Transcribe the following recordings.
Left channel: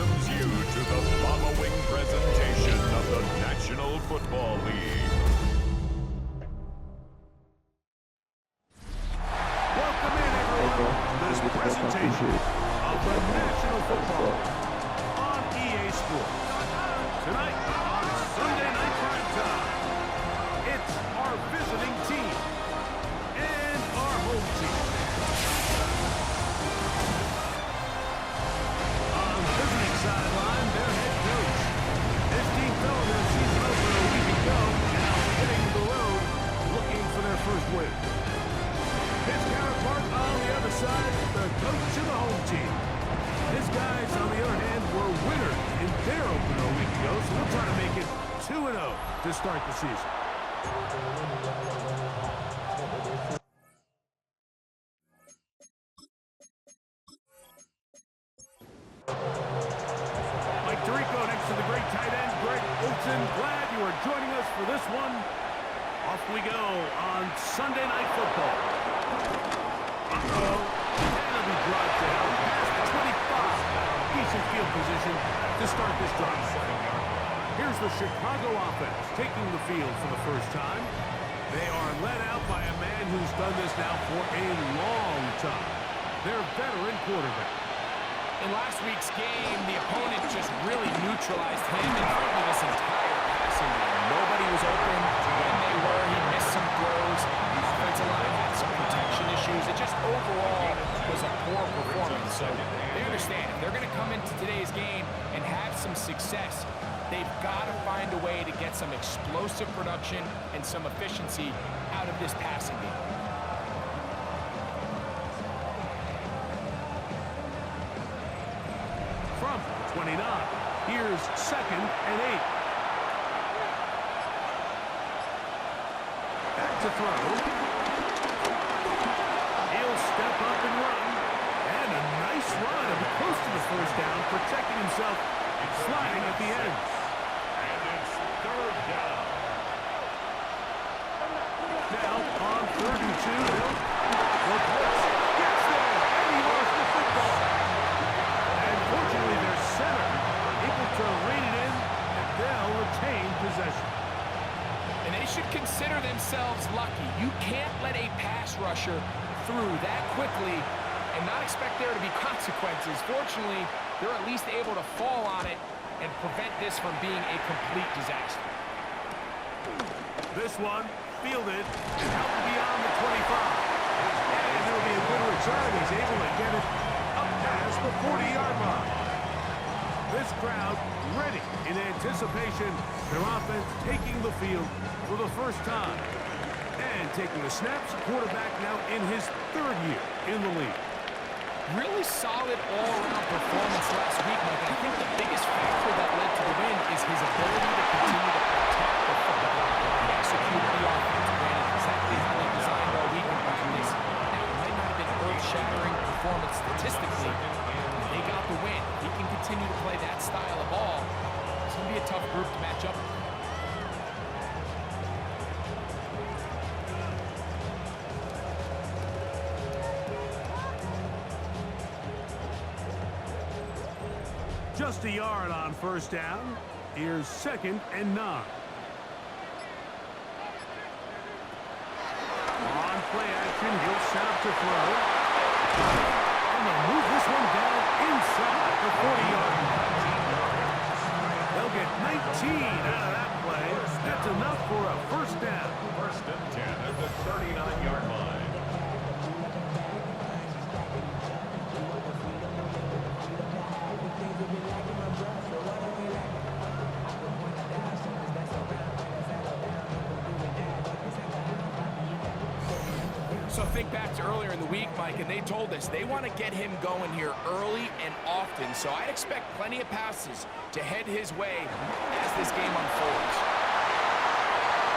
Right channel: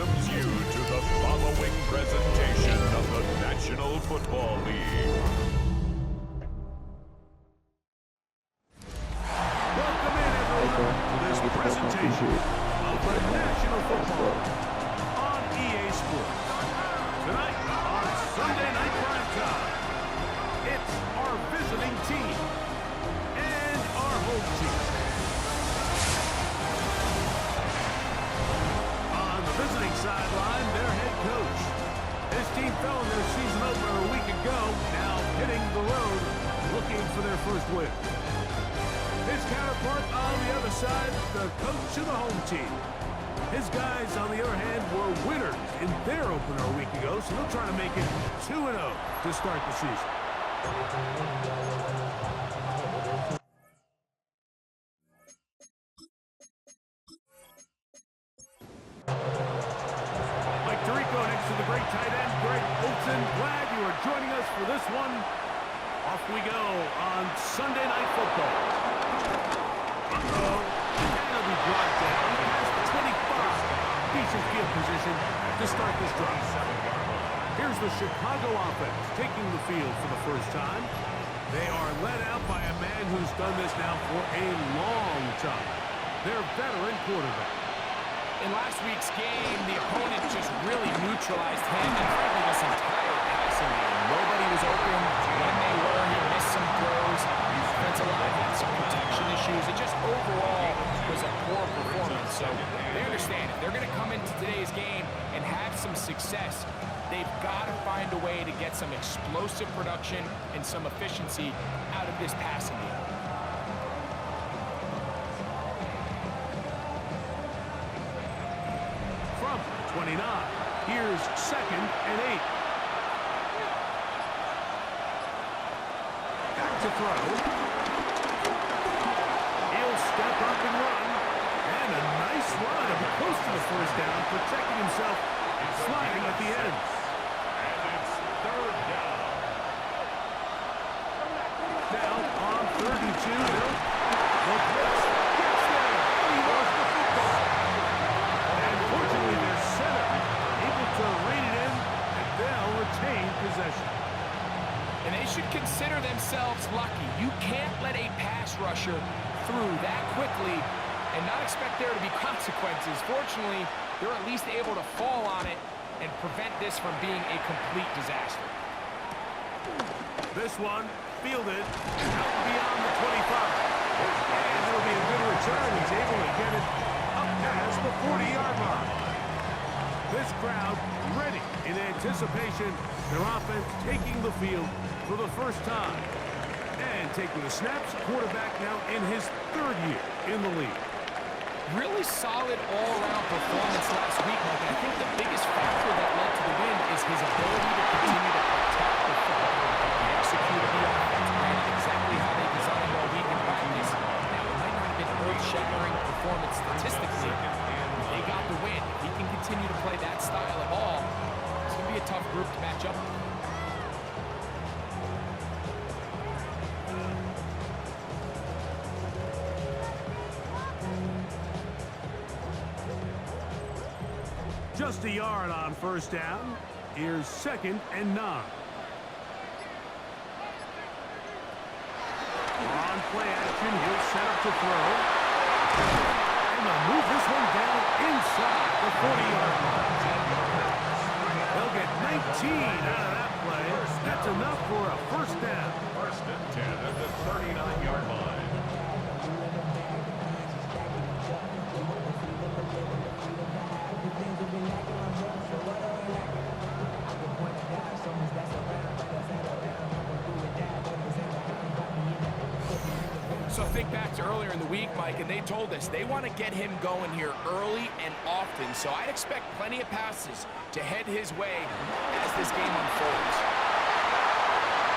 welcomes you to the following presentation of the National Football League. Welcome in, everyone, to this presentation of the National Football on EA Sports. Tonight on Sunday Night Prime Time, it's our visiting team and our home team. On the visiting sideline, their head coach. His team fell in their season opener a week ago, now hitting the road, looking for their first win. His counterpart on the other side, the coach of the home team. His guys, on the other hand, were winners in their opener a week ago, so they'll try to make it 2-0 to start the season. Mike Tirico next to the great tight end, Greg Olsen. Glad you are joining us for this one. Off we go on Sunday Night Football. And it'll be brought down past the 25. Decent field position to start this drive. Here's the Chicago offense taking the field for the first time. They are led out by a man who's done this now for a long time. Their veteran quarterback. In last week's game, the opponent just really neutralized him and frankly this entire passing game. Nobody was open. When they were, he missed some throws. The offensive line had some protection issues. It just overall was a poor performance. So they understand if they're going to come into today's game and have some success, they've got to find a way to get some explosive production and some efficiency out of this passing game. From the 29, here's 2nd and 8. Back to throw. He'll step up and run. And a nice run up close to the first down, protecting himself, sliding at the end. And it's 3rd down. Now on 3rd and 2, they'll look this. Gets there, and he lost the football. And fortunately, their center able to rein it in, and they'll retain possession. And they should consider themselves lucky. You can't let a pass rusher through that quickly and not expect there to be consequences. Fortunately, they're at least able to fall on it and prevent this from being a complete disaster. This one fielded out beyond the 25. And it'll be a good return. He's able to get it up past the 40-yard line. This crowd ready in anticipation. Their offense taking the field for the first time. And taking the snaps, quarterback now in his 3rd year in the league. Really solid all-around performance last week, Mike. And I think the biggest factor that led to the win is his ability to continue to protect the football. He executed the offense, granted exactly how they designed all week in practice. Now, it might not have been earth-shattering performance statistically. They got the win. If he can continue to play that style of ball, it's going to be a tough group to match up with. Just a yard on 1st down. Here's 2nd and 9. On play action, he'll set up to throw. And they'll move this one down inside the 40-yard line. They'll get 19 out of that play. That's enough for a 1st down. 1st and 10 at the 39-yard line. So think back to earlier in the week, Mike, and they told us they want to get him going here early and often. So I'd expect plenty of passes to head his way as this game unfolds.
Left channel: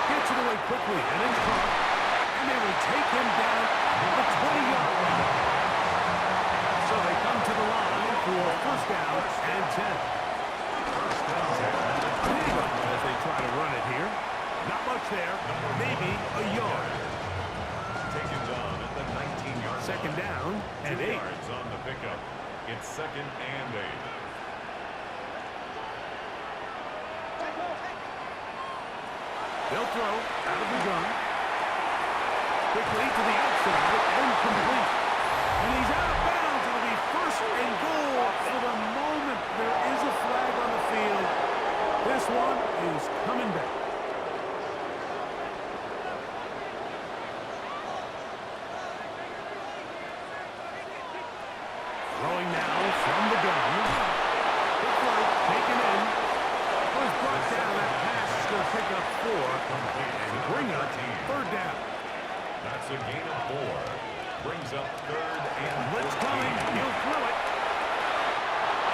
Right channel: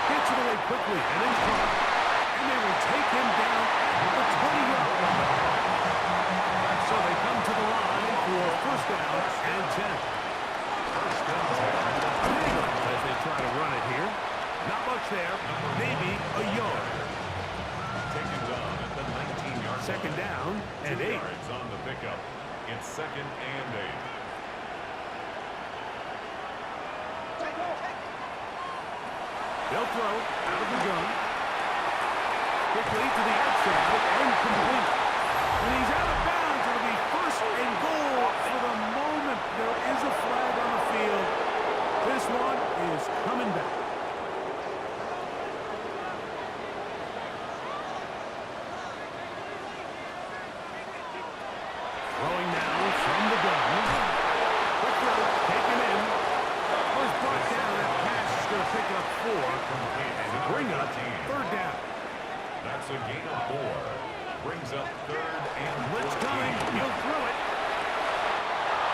Gets it away quickly and in front, and they will take him down at the 20-yard line. So they come to the line for 1st down and 10. 1st and 10. Big as they try to run it here. Not much there, maybe a yard. Taken down at the 19-yard line. 2nd down and 8. 2 yards on the pickup. It's 2nd and 8. They'll throw out of the gun. Quickly to the outside and complete. And he's out of bounds. It'll be first and goal. For the moment, there is a flag on the field. This one is coming back. Throwing now from the gun. Quick throw, taken in. Was brought down. That pass is going to pick up 4 and bring up third down. That's a gain of 4. Brings up third and Blitz coming. He'll throw it.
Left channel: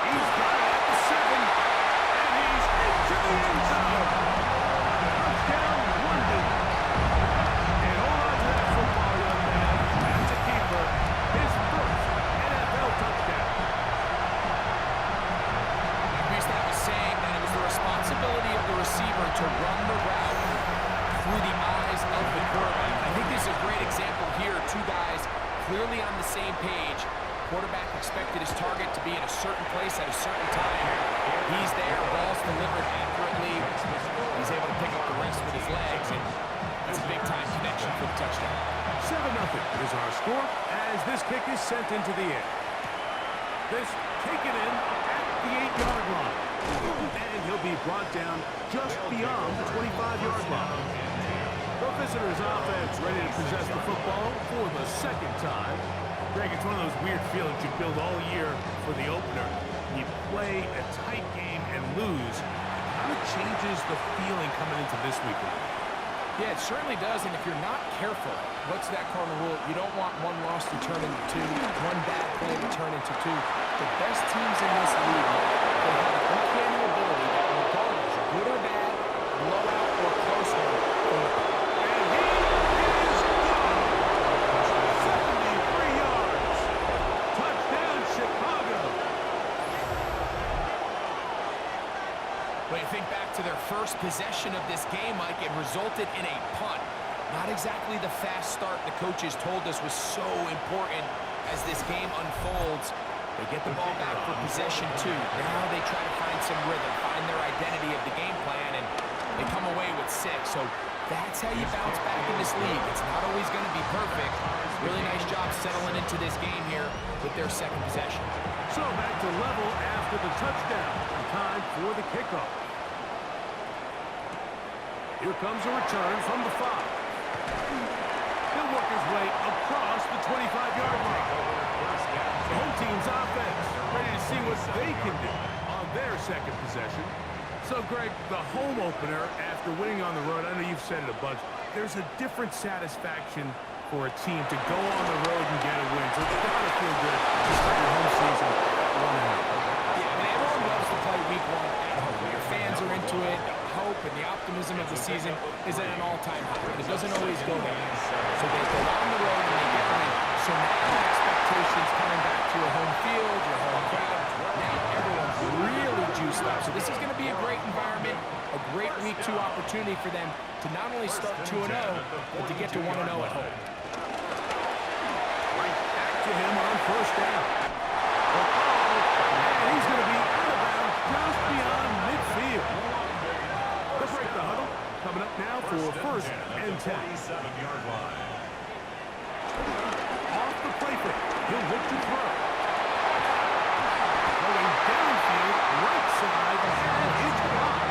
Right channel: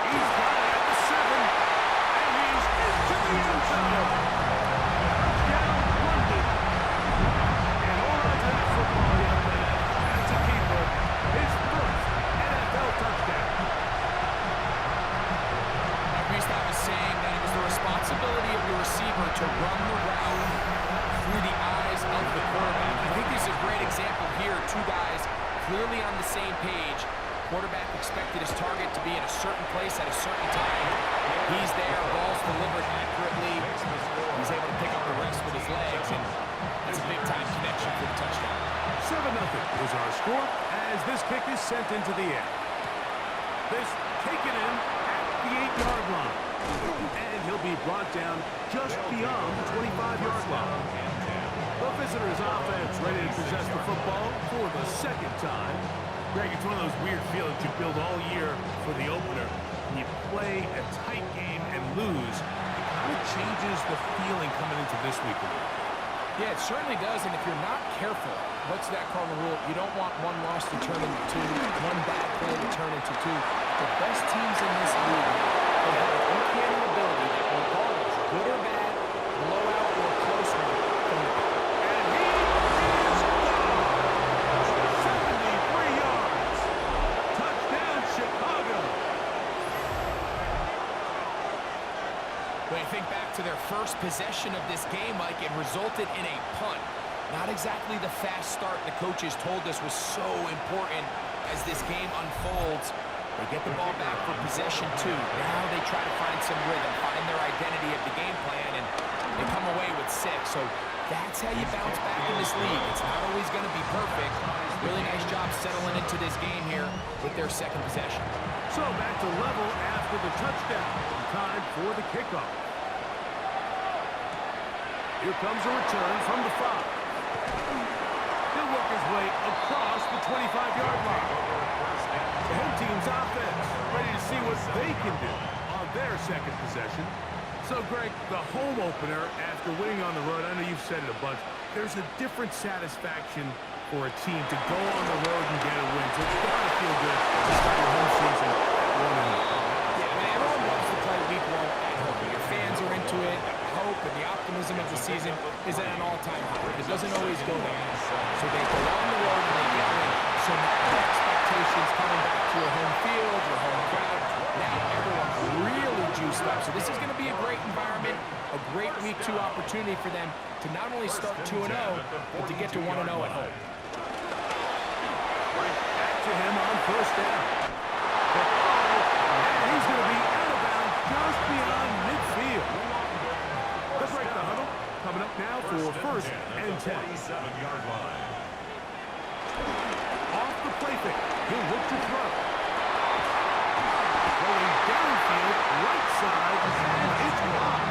He's got it at the 7. And he's into the end zone. Touchdown, London. And hold on to that football, young man. That's a keeper. His first NFL touchdown. We used to have a saying that it was the responsibility of the receiver to run the route through the eyes of the quarterback. I think this is a great example here. Two guys clearly on the same page. Quarterback expected his target to be in a certain place at a certain time. He's there, ball's delivered accurately. He's able to pick up the rest with his legs, and that's a big-time connection for the touchdown. 7-0 is our score as this kick is sent into the air. This taken in at the 8-yard line. And he'll be brought down just beyond the 25-yard line. The visitors' offense ready to possess the football for the second time. Greg, it's one of those weird feelings you build all year for the opener. When you play a tight game and lose, it kind of changes the feeling coming into this week a little bit. Yeah, it certainly does, and if you're not careful, what's that cardinal rule? You don't want one loss to turn into 2, one bad play to turn into 2. The best teams in this league, they have an uncanny ability that regardless, good or bad, blowout or close one, from the and he is gone! 73 yards! Touchdown, Chicago! When you think back to their first possession of this game, Mike, it resulted in a punt. Not exactly the fast start the coaches told us was so important as this game unfolds. They get the ball back for possession 2. Now they try to find some rhythm, find their identity of the game plan, and they come away with 6. So that's how you bounce back in this league. It's not always going to be perfect. Really nice job settling into this game here with their second possession. So back to level after the touchdown. Time for the kickoff. Here comes a return from the 5. He'll work his way across the 25-yard line. The home team's offense ready to see what they can do on their second possession. So, Greg, the home opener after winning on the road, I know you've said it a bunch, there's a different satisfaction for a team to go on the road and get a win. So it's got to feel good to start your home season at 1-0. Yeah, I mean, everyone loves to play week 1 at home. Your fans are into it. The hope and the optimism of the season is at an all-time high. But it doesn't always go that way. So they go on the road and they get a win. So now expectations coming back to your home field, your home crowd. Now everyone's really juiced up. So this is going to be a great environment, a great week 2 opportunity for them to not only start 2-0, but to get to 1-0 at home. Right back to him on first down. And he's going to be out of bounds just beyond midfield. Let's break the huddle. Coming up now for first and 10. 47-yard line. Off the play fake. He'll look to throw. Going downfield, right side, and it's caught.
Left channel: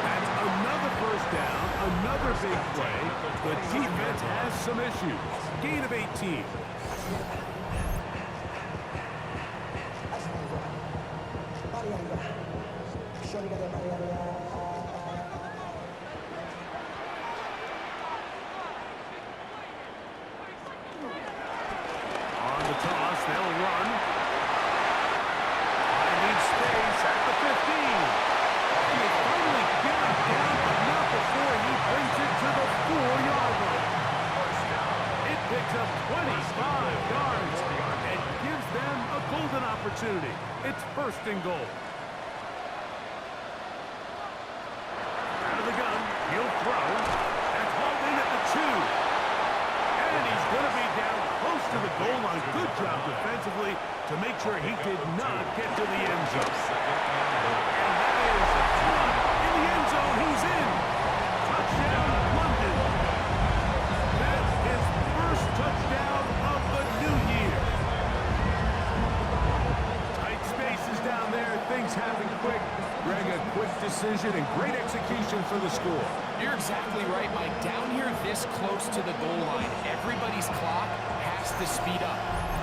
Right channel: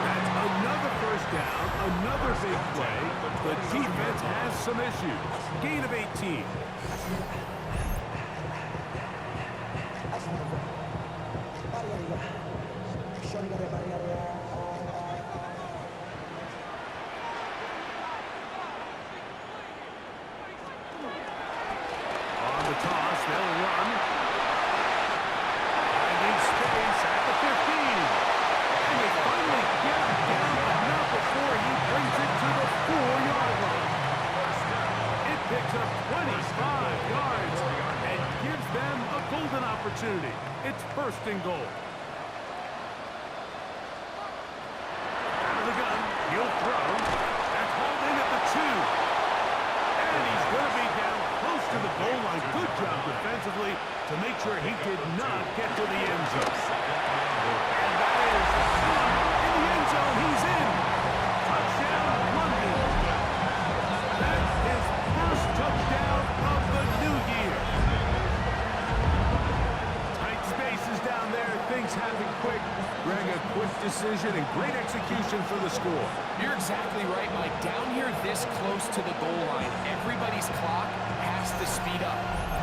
That's another first down, another big play. The defense has some issues. Gain of 18. On the toss, they'll run. Finding space at the 15. And they finally get him down, but not before he brings it to the 4-yard line. It picks up 25 yards and gives them a golden opportunity. It's first and goal. Out of the gun, he'll throw. That's hauled in at the 2. And he's going to be down close to the goal line. Good job defensively to make sure he did not get to the end zone. And that is one in the end zone. He's in. Touchdown. touchdown, London. That's his first touchdown of the new year. Tight spaces down there. Things happen quick. Greg, a quick decision and great execution for the score. You're exactly right, Mike. Down here this close to the goal line, everybody's clock has to speed up.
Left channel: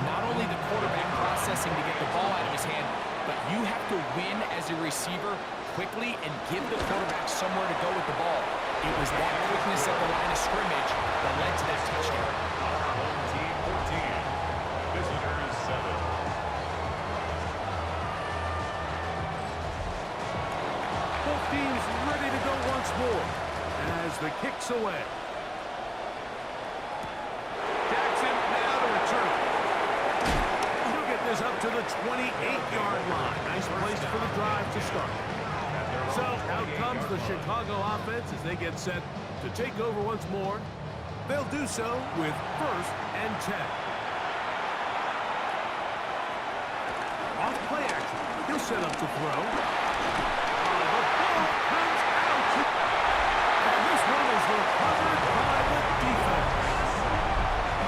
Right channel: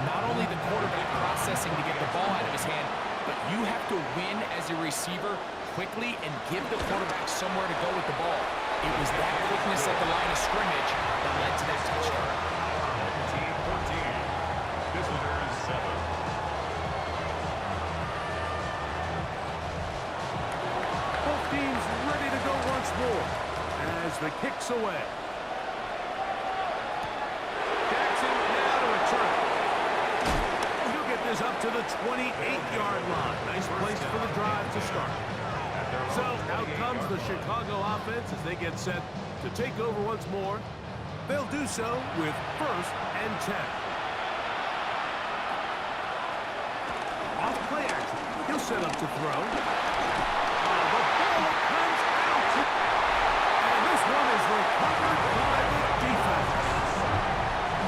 Not only the quarterback processing to get the ball out of his hand, but you have to win as a receiver quickly and give the quarterback somewhere to go with the ball. It was that quickness at the line of scrimmage that led to that touchdown. Our home team 14, visitors 7. Both teams ready to go once more as the kick's away. Jackson now to return. He'll get this up to the 28-yard line. Nice place for the drive to start. So out comes the Chicago offense as they get set to take over once more. They'll do so with 1st and 10. Off play action. He'll set up to throw. The ball comes out. And this one is recovered by the defense.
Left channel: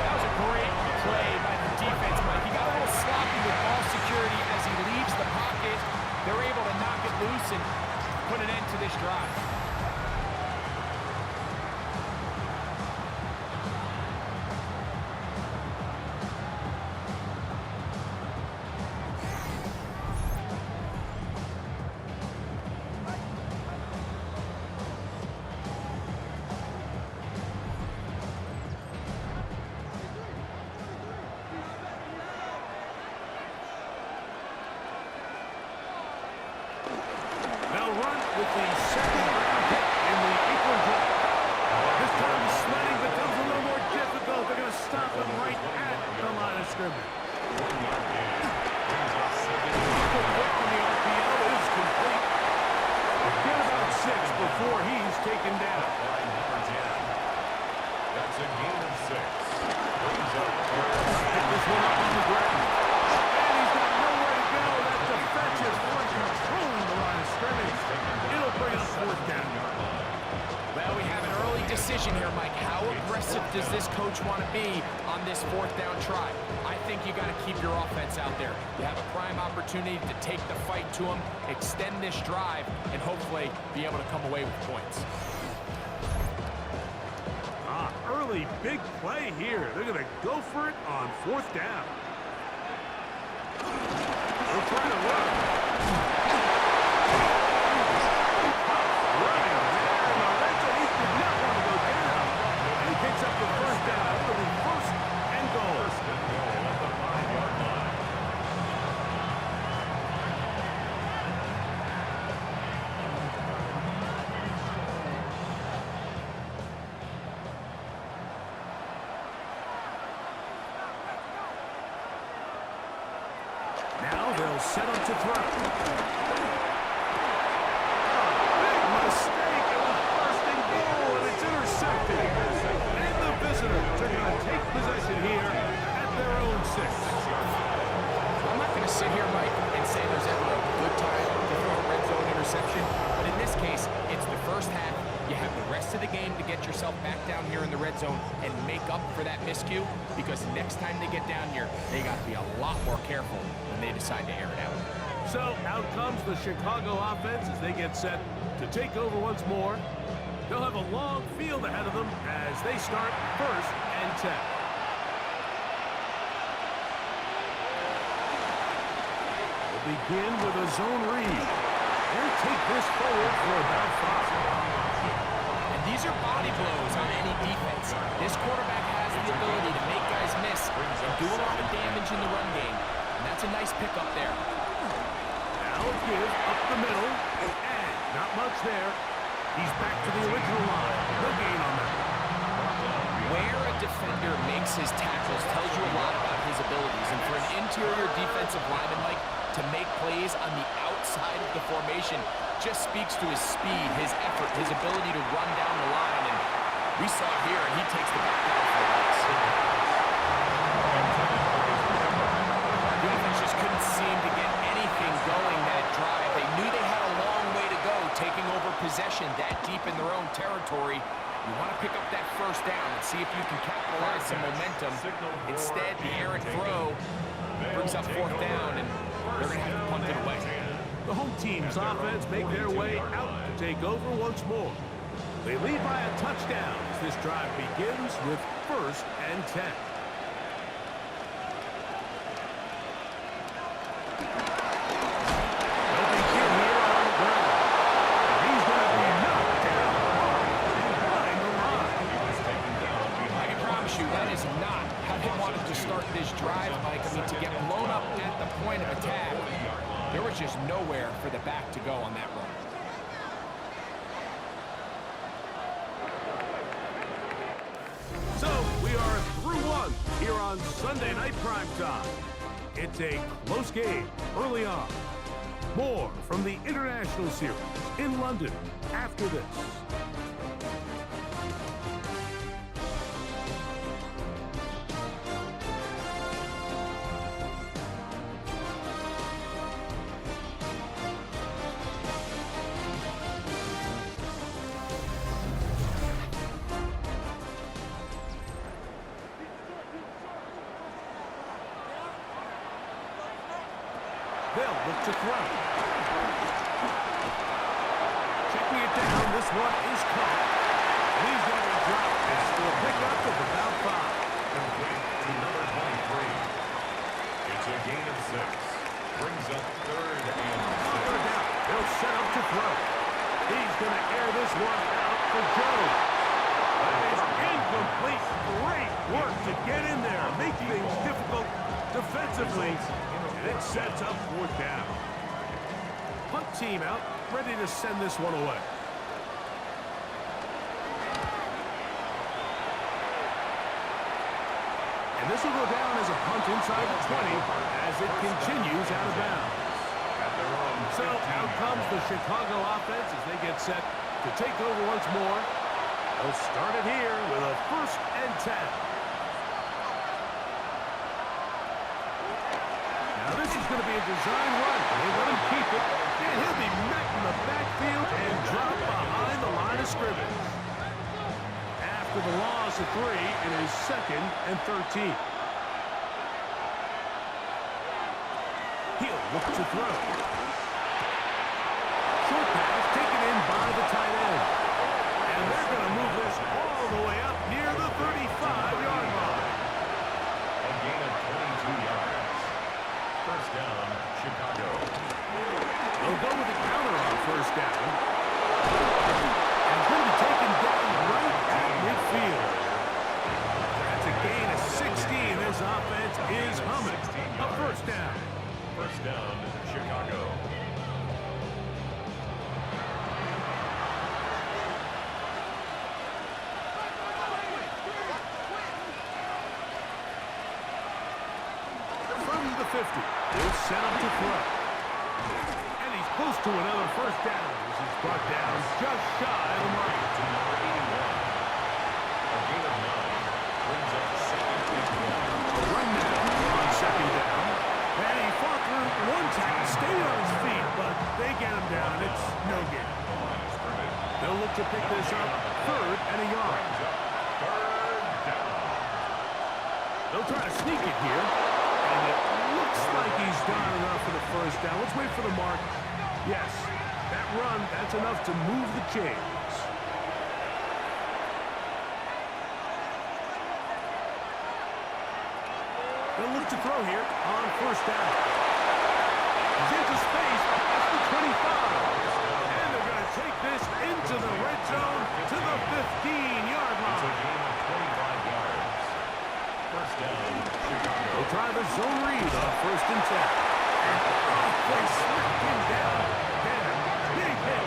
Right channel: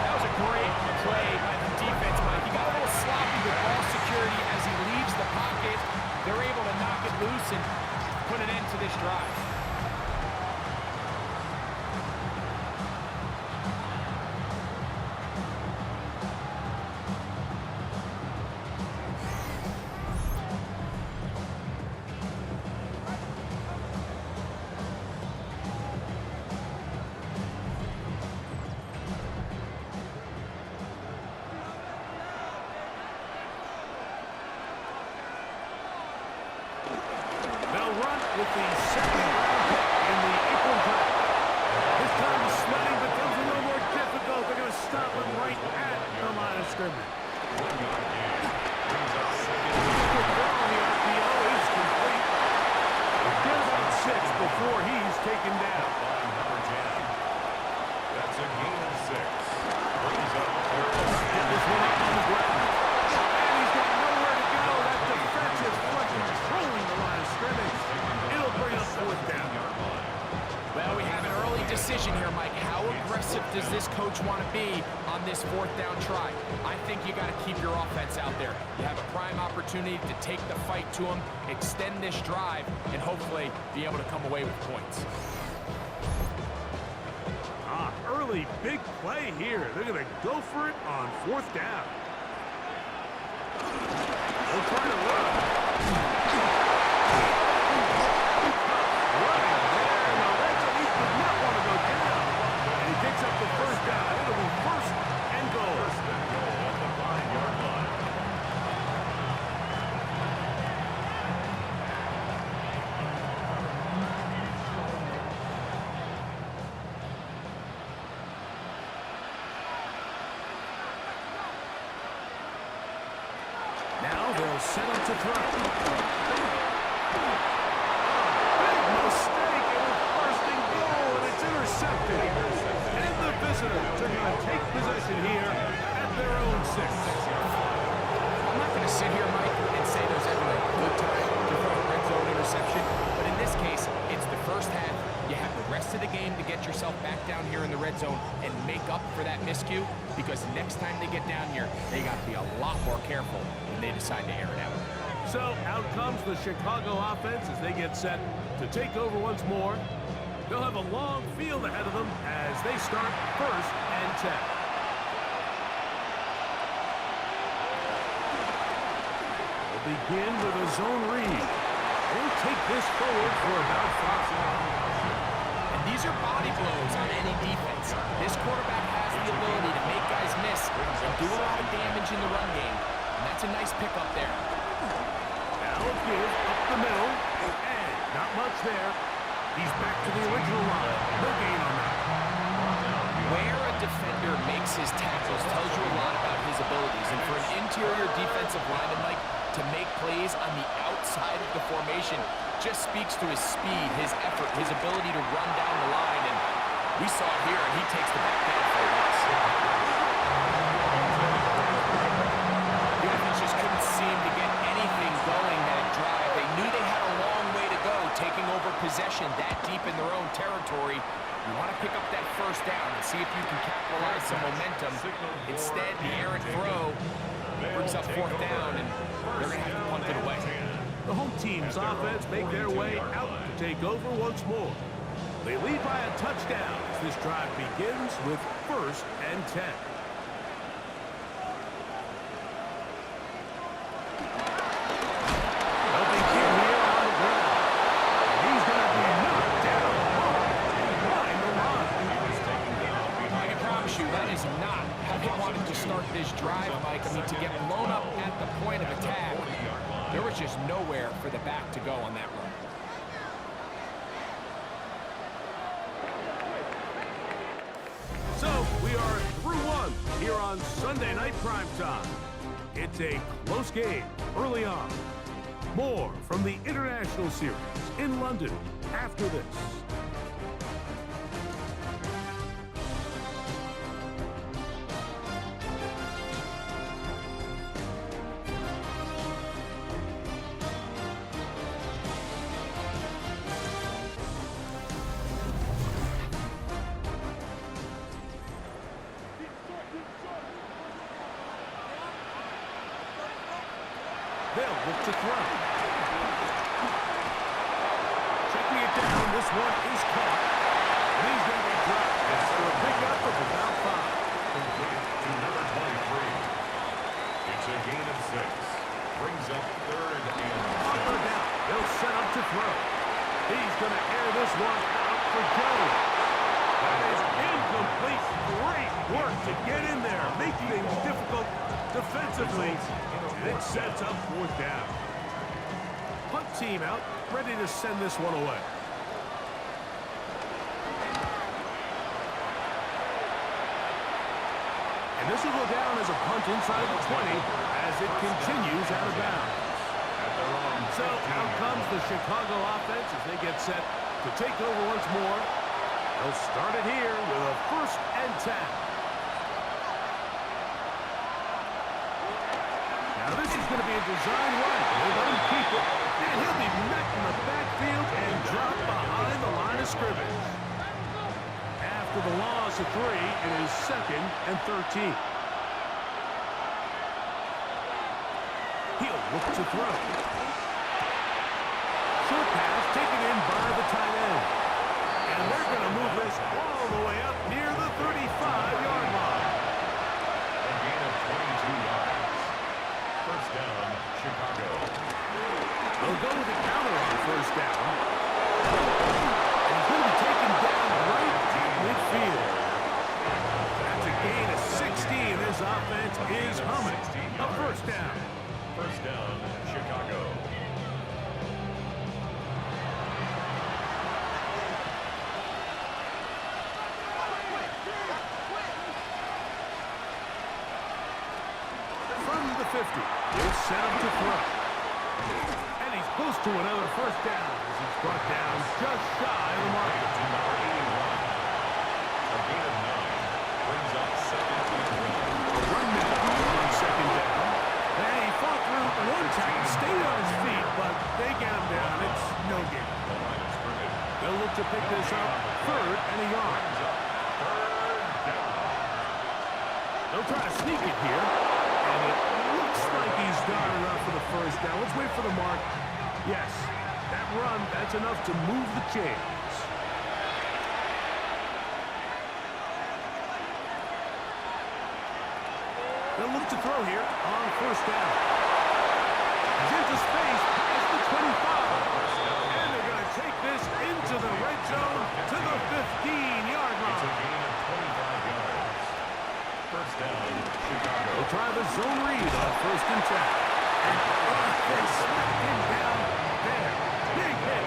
That was a great play by the defense, Mike. He got a little sloppy with ball security as he leaves the pocket. They're able to knock it loose and put an end to this drive. They'll run with the 2nd-round pick in the April draft. This time the sledding becomes a little more difficult. They're going to stop him right at the line of scrimmage. 1-yard gain. Brings up 2nd. The throw on the RPO is complete. Get about 6 before he's taken down. By number 10. That's a gain of 6. Brings up 3rd. Get this one up on the ground. And he's got nowhere to go. That defense is controlling the line of scrimmage. It'll bring up 4th down. Well, we have an early decision here, Mike. How aggressive does this coach want to be on this 4th down try? I think you got to keep your offense out there. You have a prime opportunity to take the fight to them, extend this drive, and hopefully be able to come away with points. Early big play here. They're going to go for it on 4th down. They'll try to run. Running there in the red zone. He did not want to go down. And he picks up the 1st down. It'll be 1st and goal. 1st and goal at the 5-yard line. Now they'll set up to throw. Big mistake. It was 1st and goal, and it's intercepted. And the visitors are going to take possession here at their own 6. I'm not going to sit here, Mike, and say there's ever a good time to throw a red zone interception, but in this case, it's the 1st half. You have the rest of the game to get yourself back down here in the red zone and make up for that miscue, because next time they get down here, they got to be a lot more careful when they decide to air it out. So out comes the Chicago offense as they get set to take over once more. They'll have a long field ahead of them as they start 1st and 10. They'll begin with a zone read. They'll take this forward for about 5. And these are body blows on any defense. This quarterback has the ability to make guys miss and do a lot of damage in the run game. And that's a nice pickup there. Now a give up the middle, and not much there. He's back to the original line. No gain on that. Where a defender makes his tackles tells you a lot about his abilities. And for an interior defensive lineman, Mike, to make plays on the outside of the formation just speaks to his speed, his effort, his ability to run down the line. And we saw it here, and he takes the back down for a loss. The offense just couldn't seem to get anything going that drive. They knew they had a long way to go, taking over possession that deep in their own territory. You want to pick up that first down and see if you can capitalize some momentum. Instead, the errant throw brings up fourth down, and they're going to have to punt it away. The home team's offense make their way out to take over once more. They lead by a touchdown as this drive begins with 1st and 10. They'll begin here on the ground. And he's going to be knocked down hard behind the line. I can promise you that is not how they wanted to start this drive, Mike. I mean, to get blown up at the point of attack, there was just nowhere for the back to go on that run. So we are through one here on Sunday Night Primetime. It's a close game early on. More from the International Series in London after this. They'll look to throw. Checking it down. This one is caught. And he's going to be dropped after a pickup of about 5. Complete to number 23. It's a gain of 6. Brings up 3rd and 6. On 3rd down, they'll set up to throw. He's going to air this one out for Jones. That is incomplete. Great work to get in there. Make things difficult defensively. And it sets up 4th down. Punt team out, ready to send this one away. And this will go down as a punt inside the 20 as it continues out of bounds. So out comes the Chicago offense as they get set to take over once more. They'll start it here with a 1st and 10. Now this is going to be a design run. They let him keep it, and he'll be met in the backfield and dropped behind the line of scrimmage. After the loss of 3, it is 2nd and 13. He'll look to throw. Short pass taken in by the tight end. And they're going to move this all the way up near the 35-yard line. A gain of 22 yards. 1st down, Chicago. They'll go with the counter on 1st down. And it's going to be taken down right at midfield. That's a gain of 16. This offense is humming. A 1st down. 1st down, Chicago. From the 50, he'll set him to throw. And he's close to another 1st down as he's brought down just shy of the mark. To number 81. A gain of 9. Brings up 2nd and 1. A run now on 2nd down. And he fought through one tackle, stayed on his feet, but they get him down. It's no gain. The line of scrimmage. They'll look to pick this up 3rd and a yard. Brings up 3rd down. They'll try to sneak it here. And it looks like he's done enough for the 1st down. Let's wait for the mark. Yes, that run, that's enough to move the chains. They'll look to throw here on 1st down. He's into space past the 25. And they're going to take this into the red zone to the 15-yard line. It's a gain of 25 yards. 1st down, Chicago. They'll try the zone read on 1st and 10. And they smack him down there. Big hit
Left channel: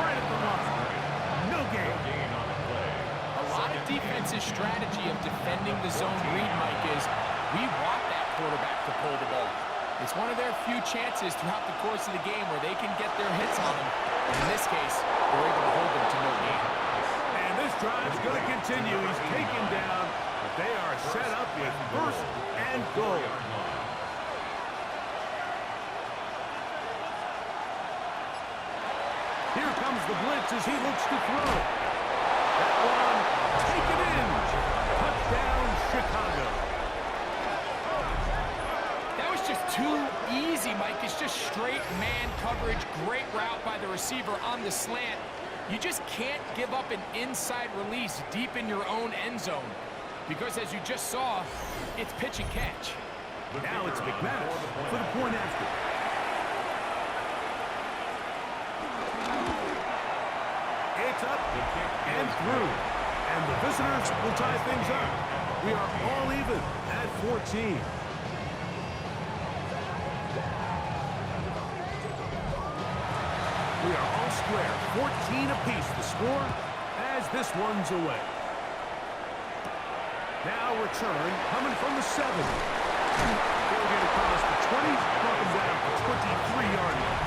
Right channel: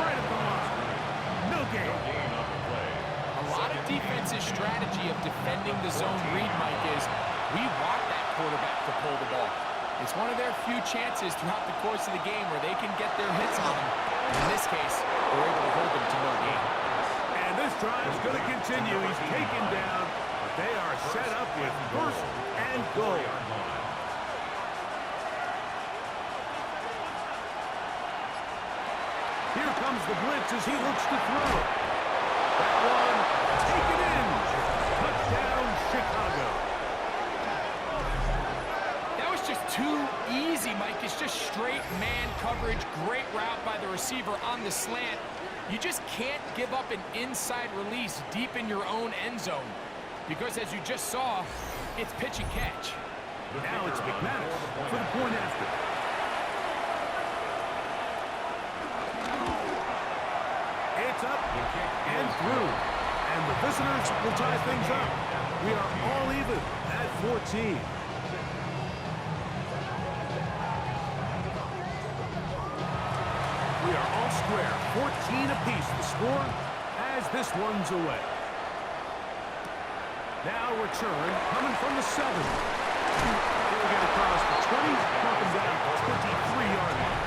right at the line. No gain. No gain on the play. A lot of defense's strategy of defending the zone read, Mike, is we want that quarterback to pull the ball. It's one of their few chances throughout the course of the game where they can get their hits on them. In this case, they're able to hold them to no gain. And this drive's going to continue. He's taken down, but they are set up with 1st and goal. Here comes the blitz as he looks to throw. That one taken in. Touchdown, Chicago. That was just too easy, Mike. It's just straight man coverage. Great route by the receiver on the slant. You just can't give up an inside release deep in your own end zone. Because as you just saw, it's pitch and catch. Now it's McManus for the point after. It's up and through. And the visitors will tie things up. We are all even at 14. We are all square, 14 apiece the score as this one's away. Now return coming from the 7. He'll get across the 20, walking down the 23-yard line.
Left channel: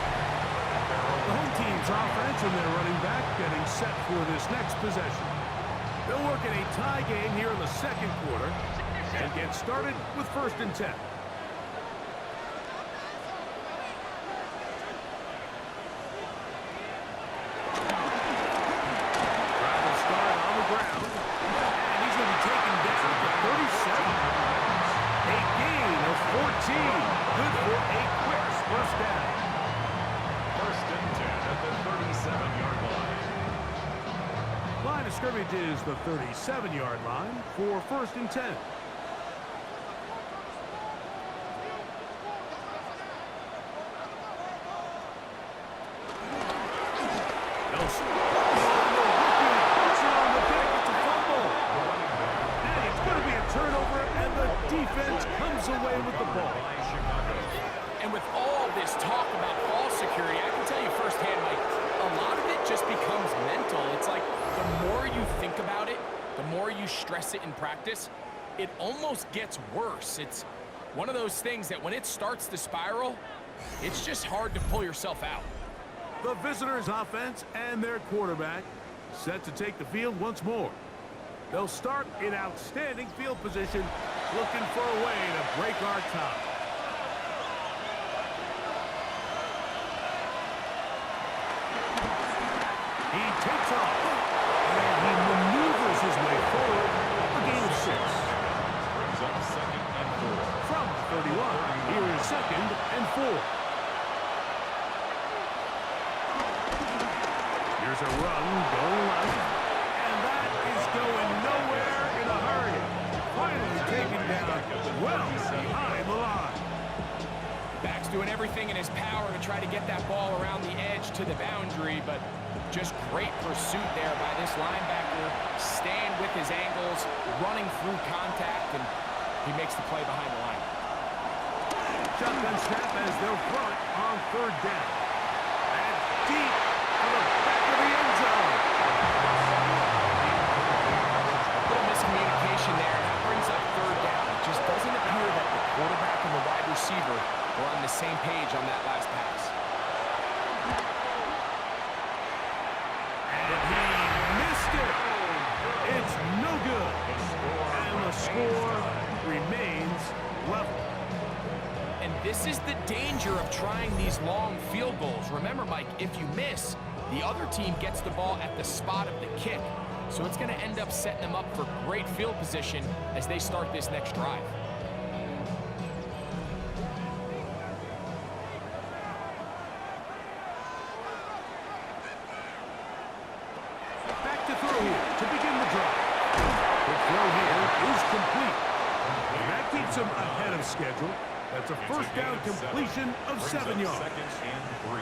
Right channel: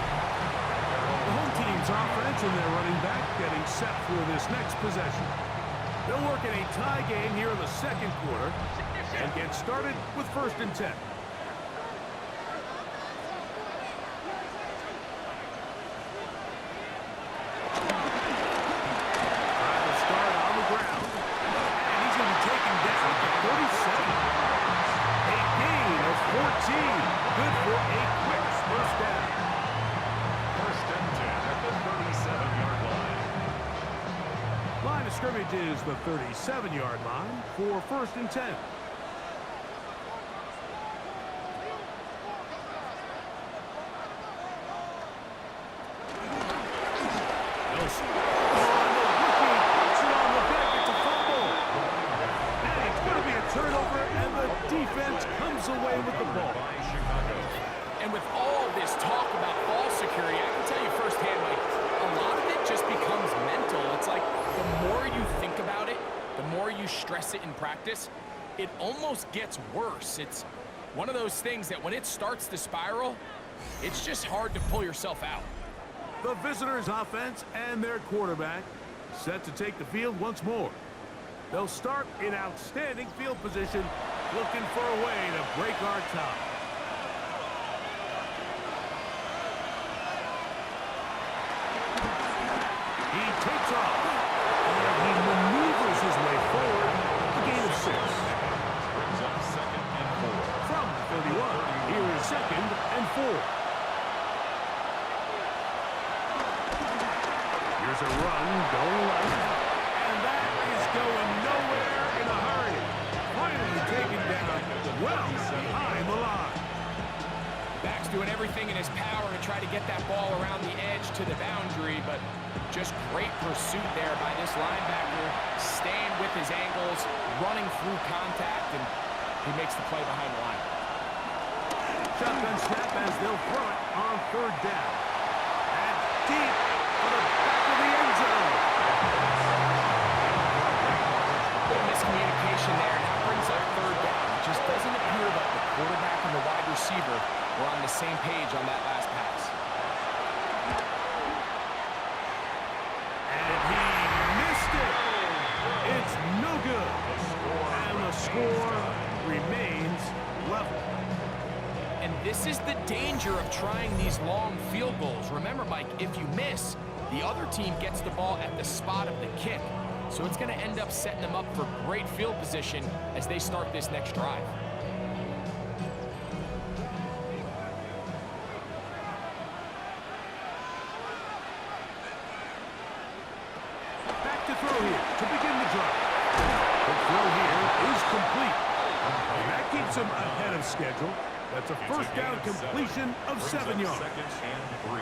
The home team's offense and their running back getting set for this next possession. They'll work in a tie game here in the second quarter and get started with 1st and 10. Good for a quick first down. 1st and 10 at the 37-yard line. Line of scrimmage is the 37-yard line for 1st and 10. Nelson. Oh, the rookie puts it on the deck. It's a fumble. And it's going to be a turnover, and the defense comes away with the ball. And with all this talk about ball security, I can tell you firsthand, Mike, a lot of it just becomes mental. It's like the more you think about it, the more you stress it in practice, it almost gets worse. It's one of those things that when it starts to spiral, it's just hard to pull yourself out. The visitors' offense and their quarterback set to take the field once more. They'll start in outstanding field position, looking for a way to break our top. He takes off, and he maneuvers his way forward, a gain of 6. Brings up 2nd and 4. From the 31, here is 2nd and 4. Here's a run going left, and that is going nowhere in a hurry. Finally taken down well behind the line. Back's doing everything in his power to try to get that ball around the edge to the boundary, but just great pursuit there by this linebacker, staying with his angles, running through contact, and he makes the play behind the line. Shotgun snap as they'll throw it on 3rd down. And deep for the back of the end zone. Little miscommunication there. Now brings up 3rd down. It just doesn't appear that the quarterback and the wide receiver were on the same page on that last pass. And he missed it. It's no good. And the score remains level. And this is the danger of trying these long field goals. Remember, Mike, if you miss, the other team gets the ball at the spot of the kick. So it's going to end up setting them up for great field position as they start this next drive. Back to throw here to begin the drive. The throw here is complete. And that keeps him ahead of schedule. That's a first down completion of 7 yards. 2nd and 3.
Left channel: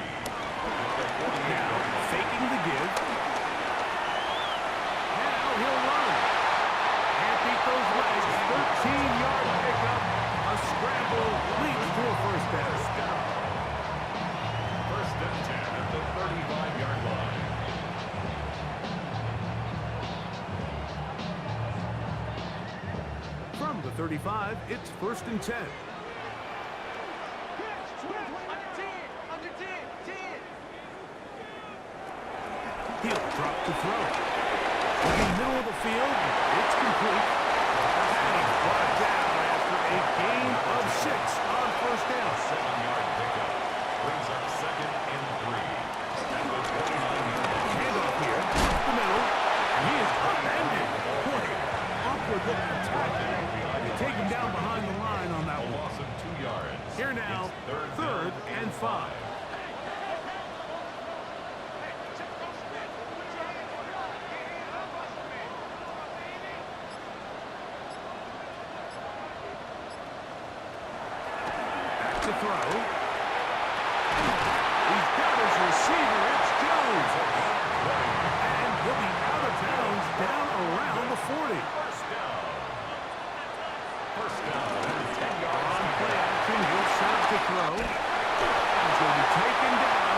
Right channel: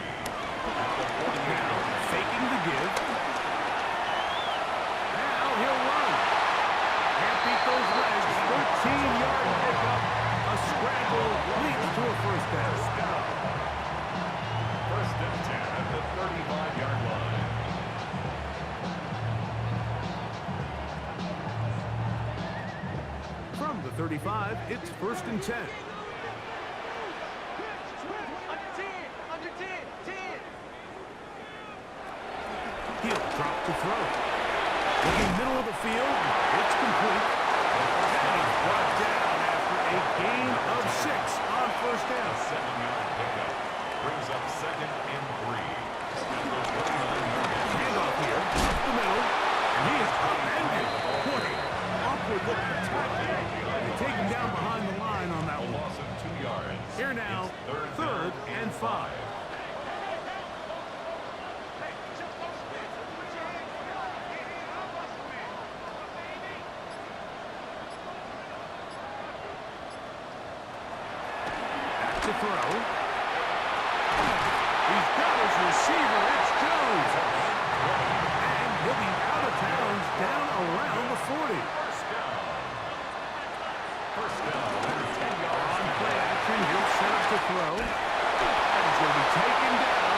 Now faking the give. Now he'll run. Can't beat those legs. 13-yard pickup. A scramble leads to a first down. 1st and 10 at the 35-yard line. From the 35, it's 1st and 10. He'll drop to throw. Looking middle of the field, it's complete. And he's brought down after a gain of 6 on 1st down. 7-yard pickup. Brings up 2nd and 3. At the 29-yard line. Handoff here, up the middle. And he is upended. Boy, awkward-looking tackle. And they take him down behind the line on that A one. loss of 2 yards. Here now, It's third and 5. Back to throw. He's got his receiver. It's Jones. And he'll be out of bounds down around the 40. First down. First down and 10 yards. On play action, he'll set up to throw. And it's going to be taken down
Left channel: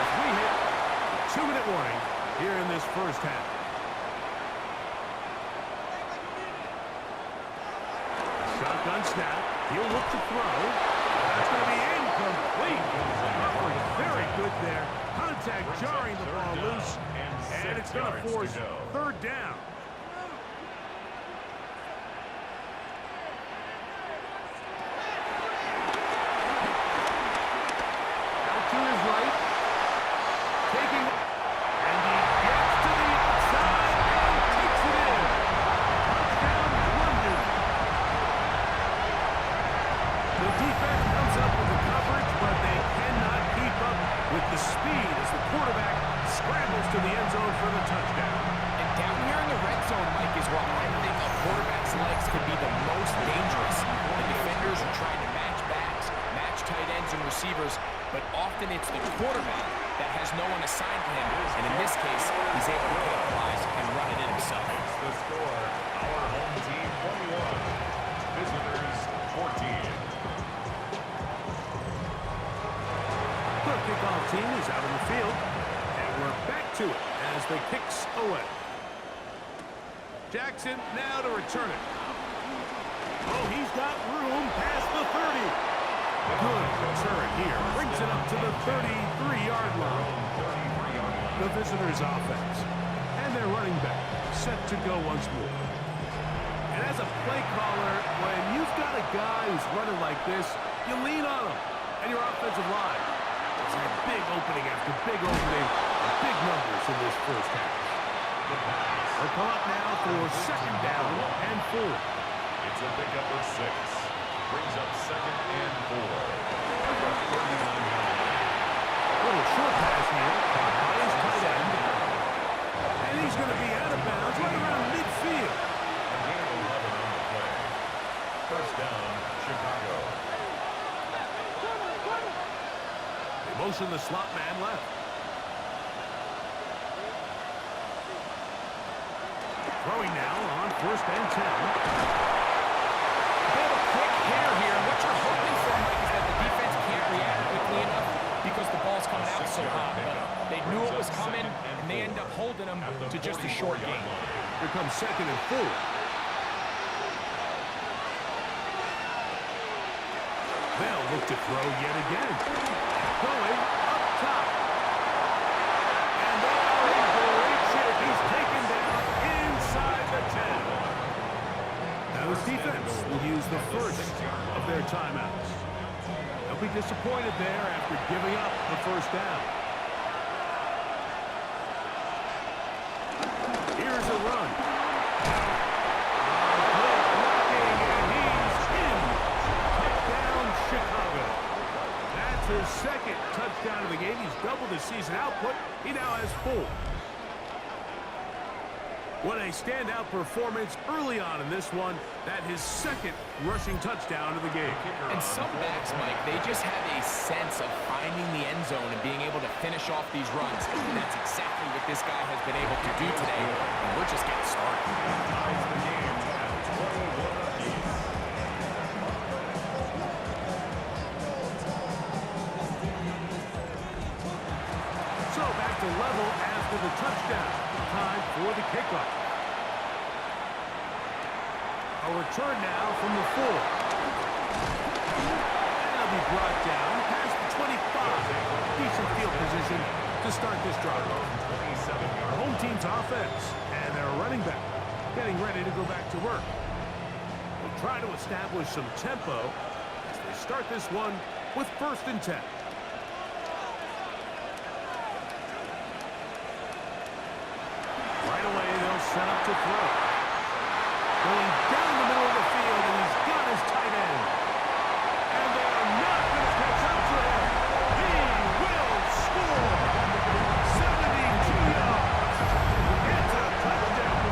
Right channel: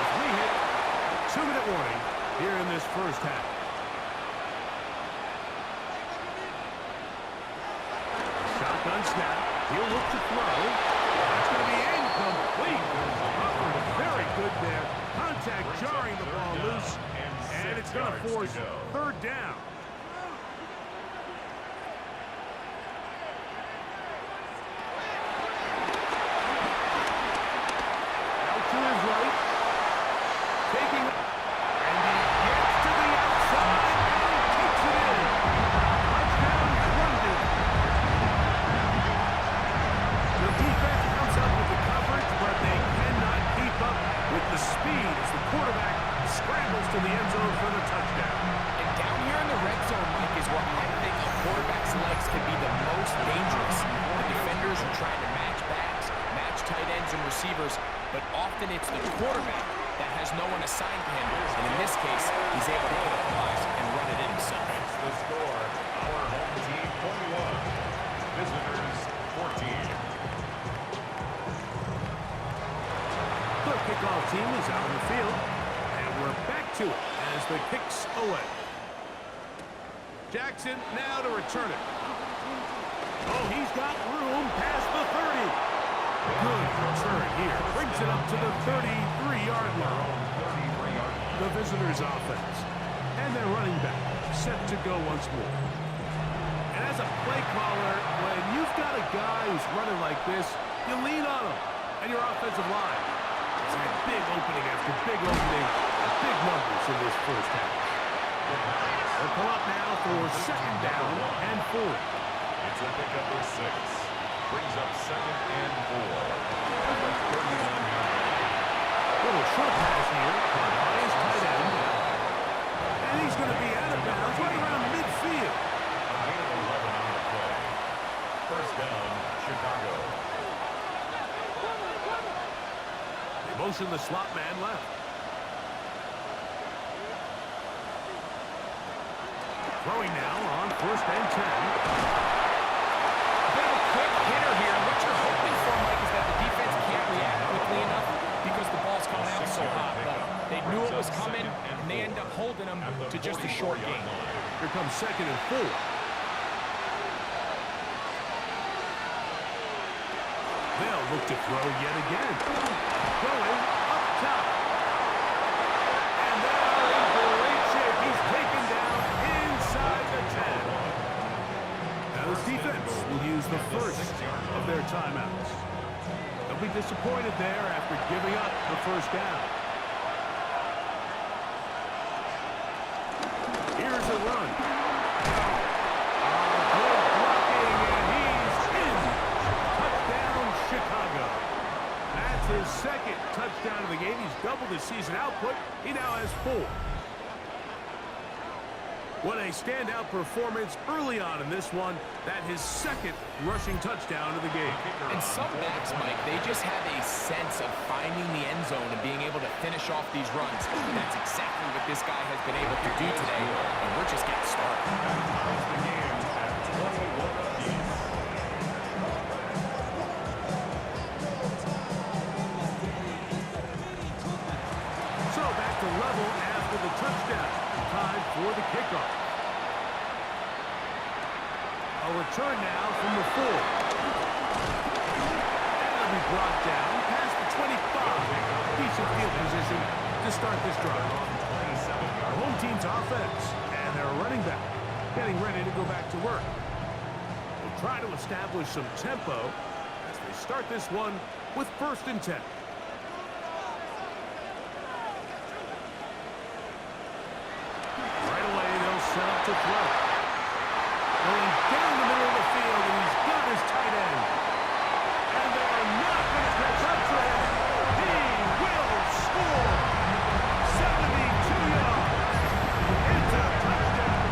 as we hit the 2-minute warning here in this first half. Shotgun snap. He'll look to throw. That's going to be incomplete. Covered very good there. Contact jarring the ball loose. And it's going to force third down. Out to his right. Taking. And he gets to the outside and takes it in. Touchdown, London. The defense comes up with the coverage, but they cannot keep up with the speed as the quarterback scrambles to the end zone for the touchdown. And down here in the red zone, Mike, is where I think a quarterback's legs can be the most dangerous. The defenders are trying to match backs, match tight ends and receivers, but often it's the quarterback that has no one assigned to him. And in this case, he's able to capitalize and run it in himself. It's the score. Our home team 21. Visitors 14. The kickoff team is out on the field, and we're back to it as the kick's away. Jackson now to return it. Oh, he's got room past the 30. Good return here. Brings it up to the 33-yard line. The visitors' offense. And their running back set to go once more. And as a play caller, when you've got a guy who's running like this, you lean on him and your offensive line. It's had big opening after big opening and big numbers in this first half. They'll come up now for second down and 4. It's a pickup of 6. Brings up second and 4. At the 39-yard line. Little short pass here, caught by his tight end. And he's going to be out of bounds right around midfield. A gain of 11 on the play. First down, Chicago. They motion the slot man left. Throwing now on first and 10. They have a quick hitter here, and what you're hoping for, Mike, is that the defense can't react quickly enough because the ball's coming out so hot. But they knew it was coming, and they end up holding them to just a short gain. Here comes second and 4. They'll look to throw yet again. Going up top. And they are in great shape. He's taken down inside the 10. Now this defense will use the first of their timeouts. They'll be disappointed there after giving up the first down. Here's a run. Good blocking, and he's in. Touchdown, Chicago. That's his second touchdown of the game. He's doubled his season output. He now has 4. What a standout performance early on in this one. That his second rushing touchdown of the game. And some backs, Mike, they just have a sense of finding the end zone and being able to finish off these runs. That's exactly what this guy has been able to do today, and we're just getting started. That ties the game at 21 apiece. So back to level after the touchdown. Time for the kickoff. A return now from the 4. And it'll be brought down past the 25. Decent field position to start this drive. The home team's offense and their running back getting ready to go back to work. We'll try to establish some tempo as they start this one with first and 10. Right away, they'll set up to throw. Going down the middle of the field, and he's got his tight end. And they are not going to catch up to him. He will score. 72 yards. It's a touchdown.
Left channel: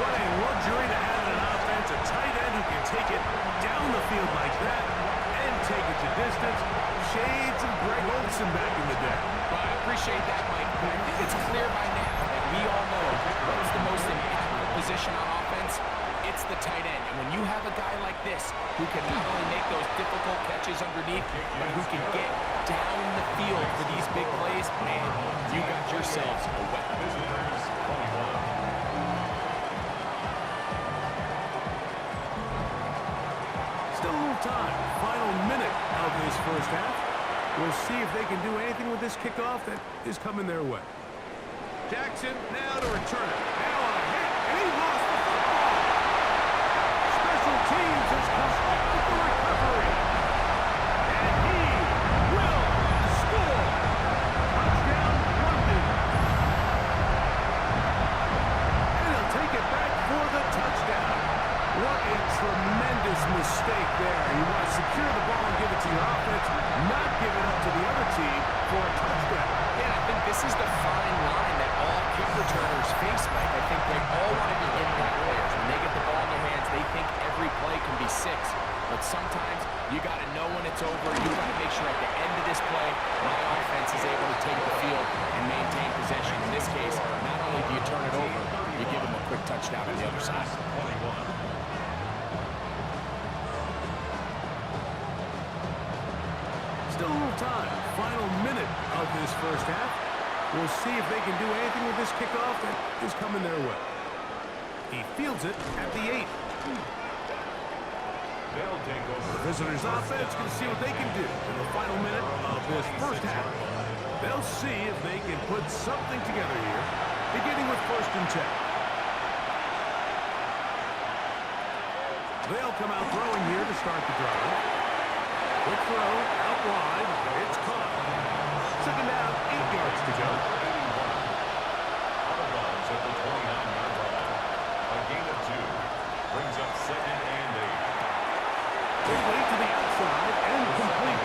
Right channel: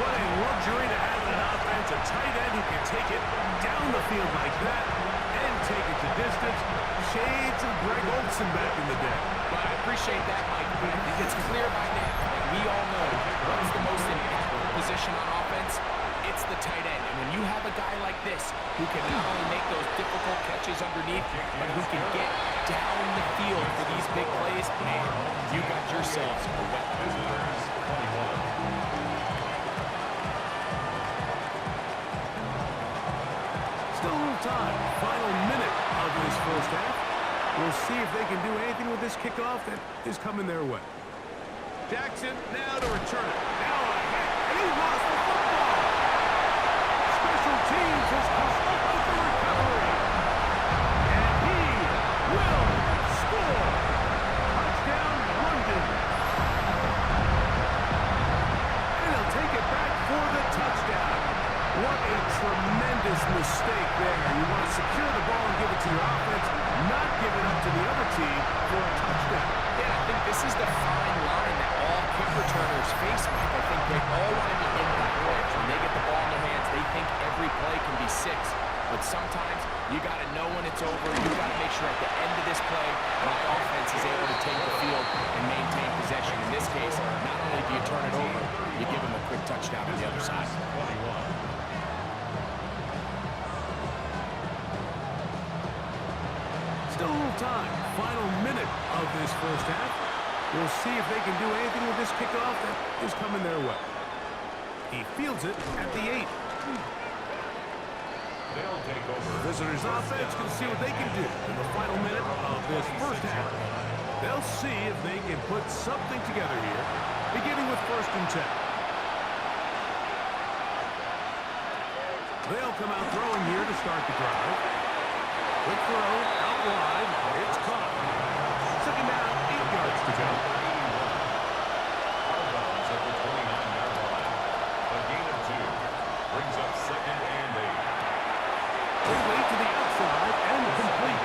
What a luxury to have in an offense. A tight end who can take it down the field like that and take it to distance. Shades of Greg Olsen back in the day. Well, I appreciate that, Mike, but I think it's clear by now that we all know what's the most impactful position on offense. It's the tight end. And when you have a guy like this who can not only make those difficult catches underneath, but who can get down the field for these big plays, man, you got yourselves a weapon. Visitors 21. Still a little time. Final minute of this first half. We'll see if they can do anything with this kickoff that is coming their way. Jackson now to return it. Now a hit, and he lost the football. Special teams has come up with the recovery. And he will score. Touchdown, London. And he'll take it back for the touchdown. What a tremendous mistake there. You want to secure the ball and give it to your offense, not give it up to the other team for a touchdown. Yeah, I think this is the fine line that all kick returners face, Mike. I think they all want to be impact players. When they get the ball in their hands, they think every play can be 6. But sometimes you got to know when it's over. You got to make sure at the end of this play, my offense is able to take the field and maintain possession. In this case, not only do you turn it over, you give them a quick touchdown on the other side. 21. Still a little time. Final minute of this first half. We'll see if they can do anything with this kickoff that is coming their way. He fields it at the 8. They'll take over. The visitors' offense can see what they can do in the final minute of this first half. They'll see if they can put something together here, beginning with 1st and 10. They'll come out throwing here to start the drive. Quick throw, out wide, it's caught. 2nd down, 8 yards to go. Out of bounds at the 29-yard line. A gain of 2. Brings up 2nd and 8. Quickly to the outside and complete.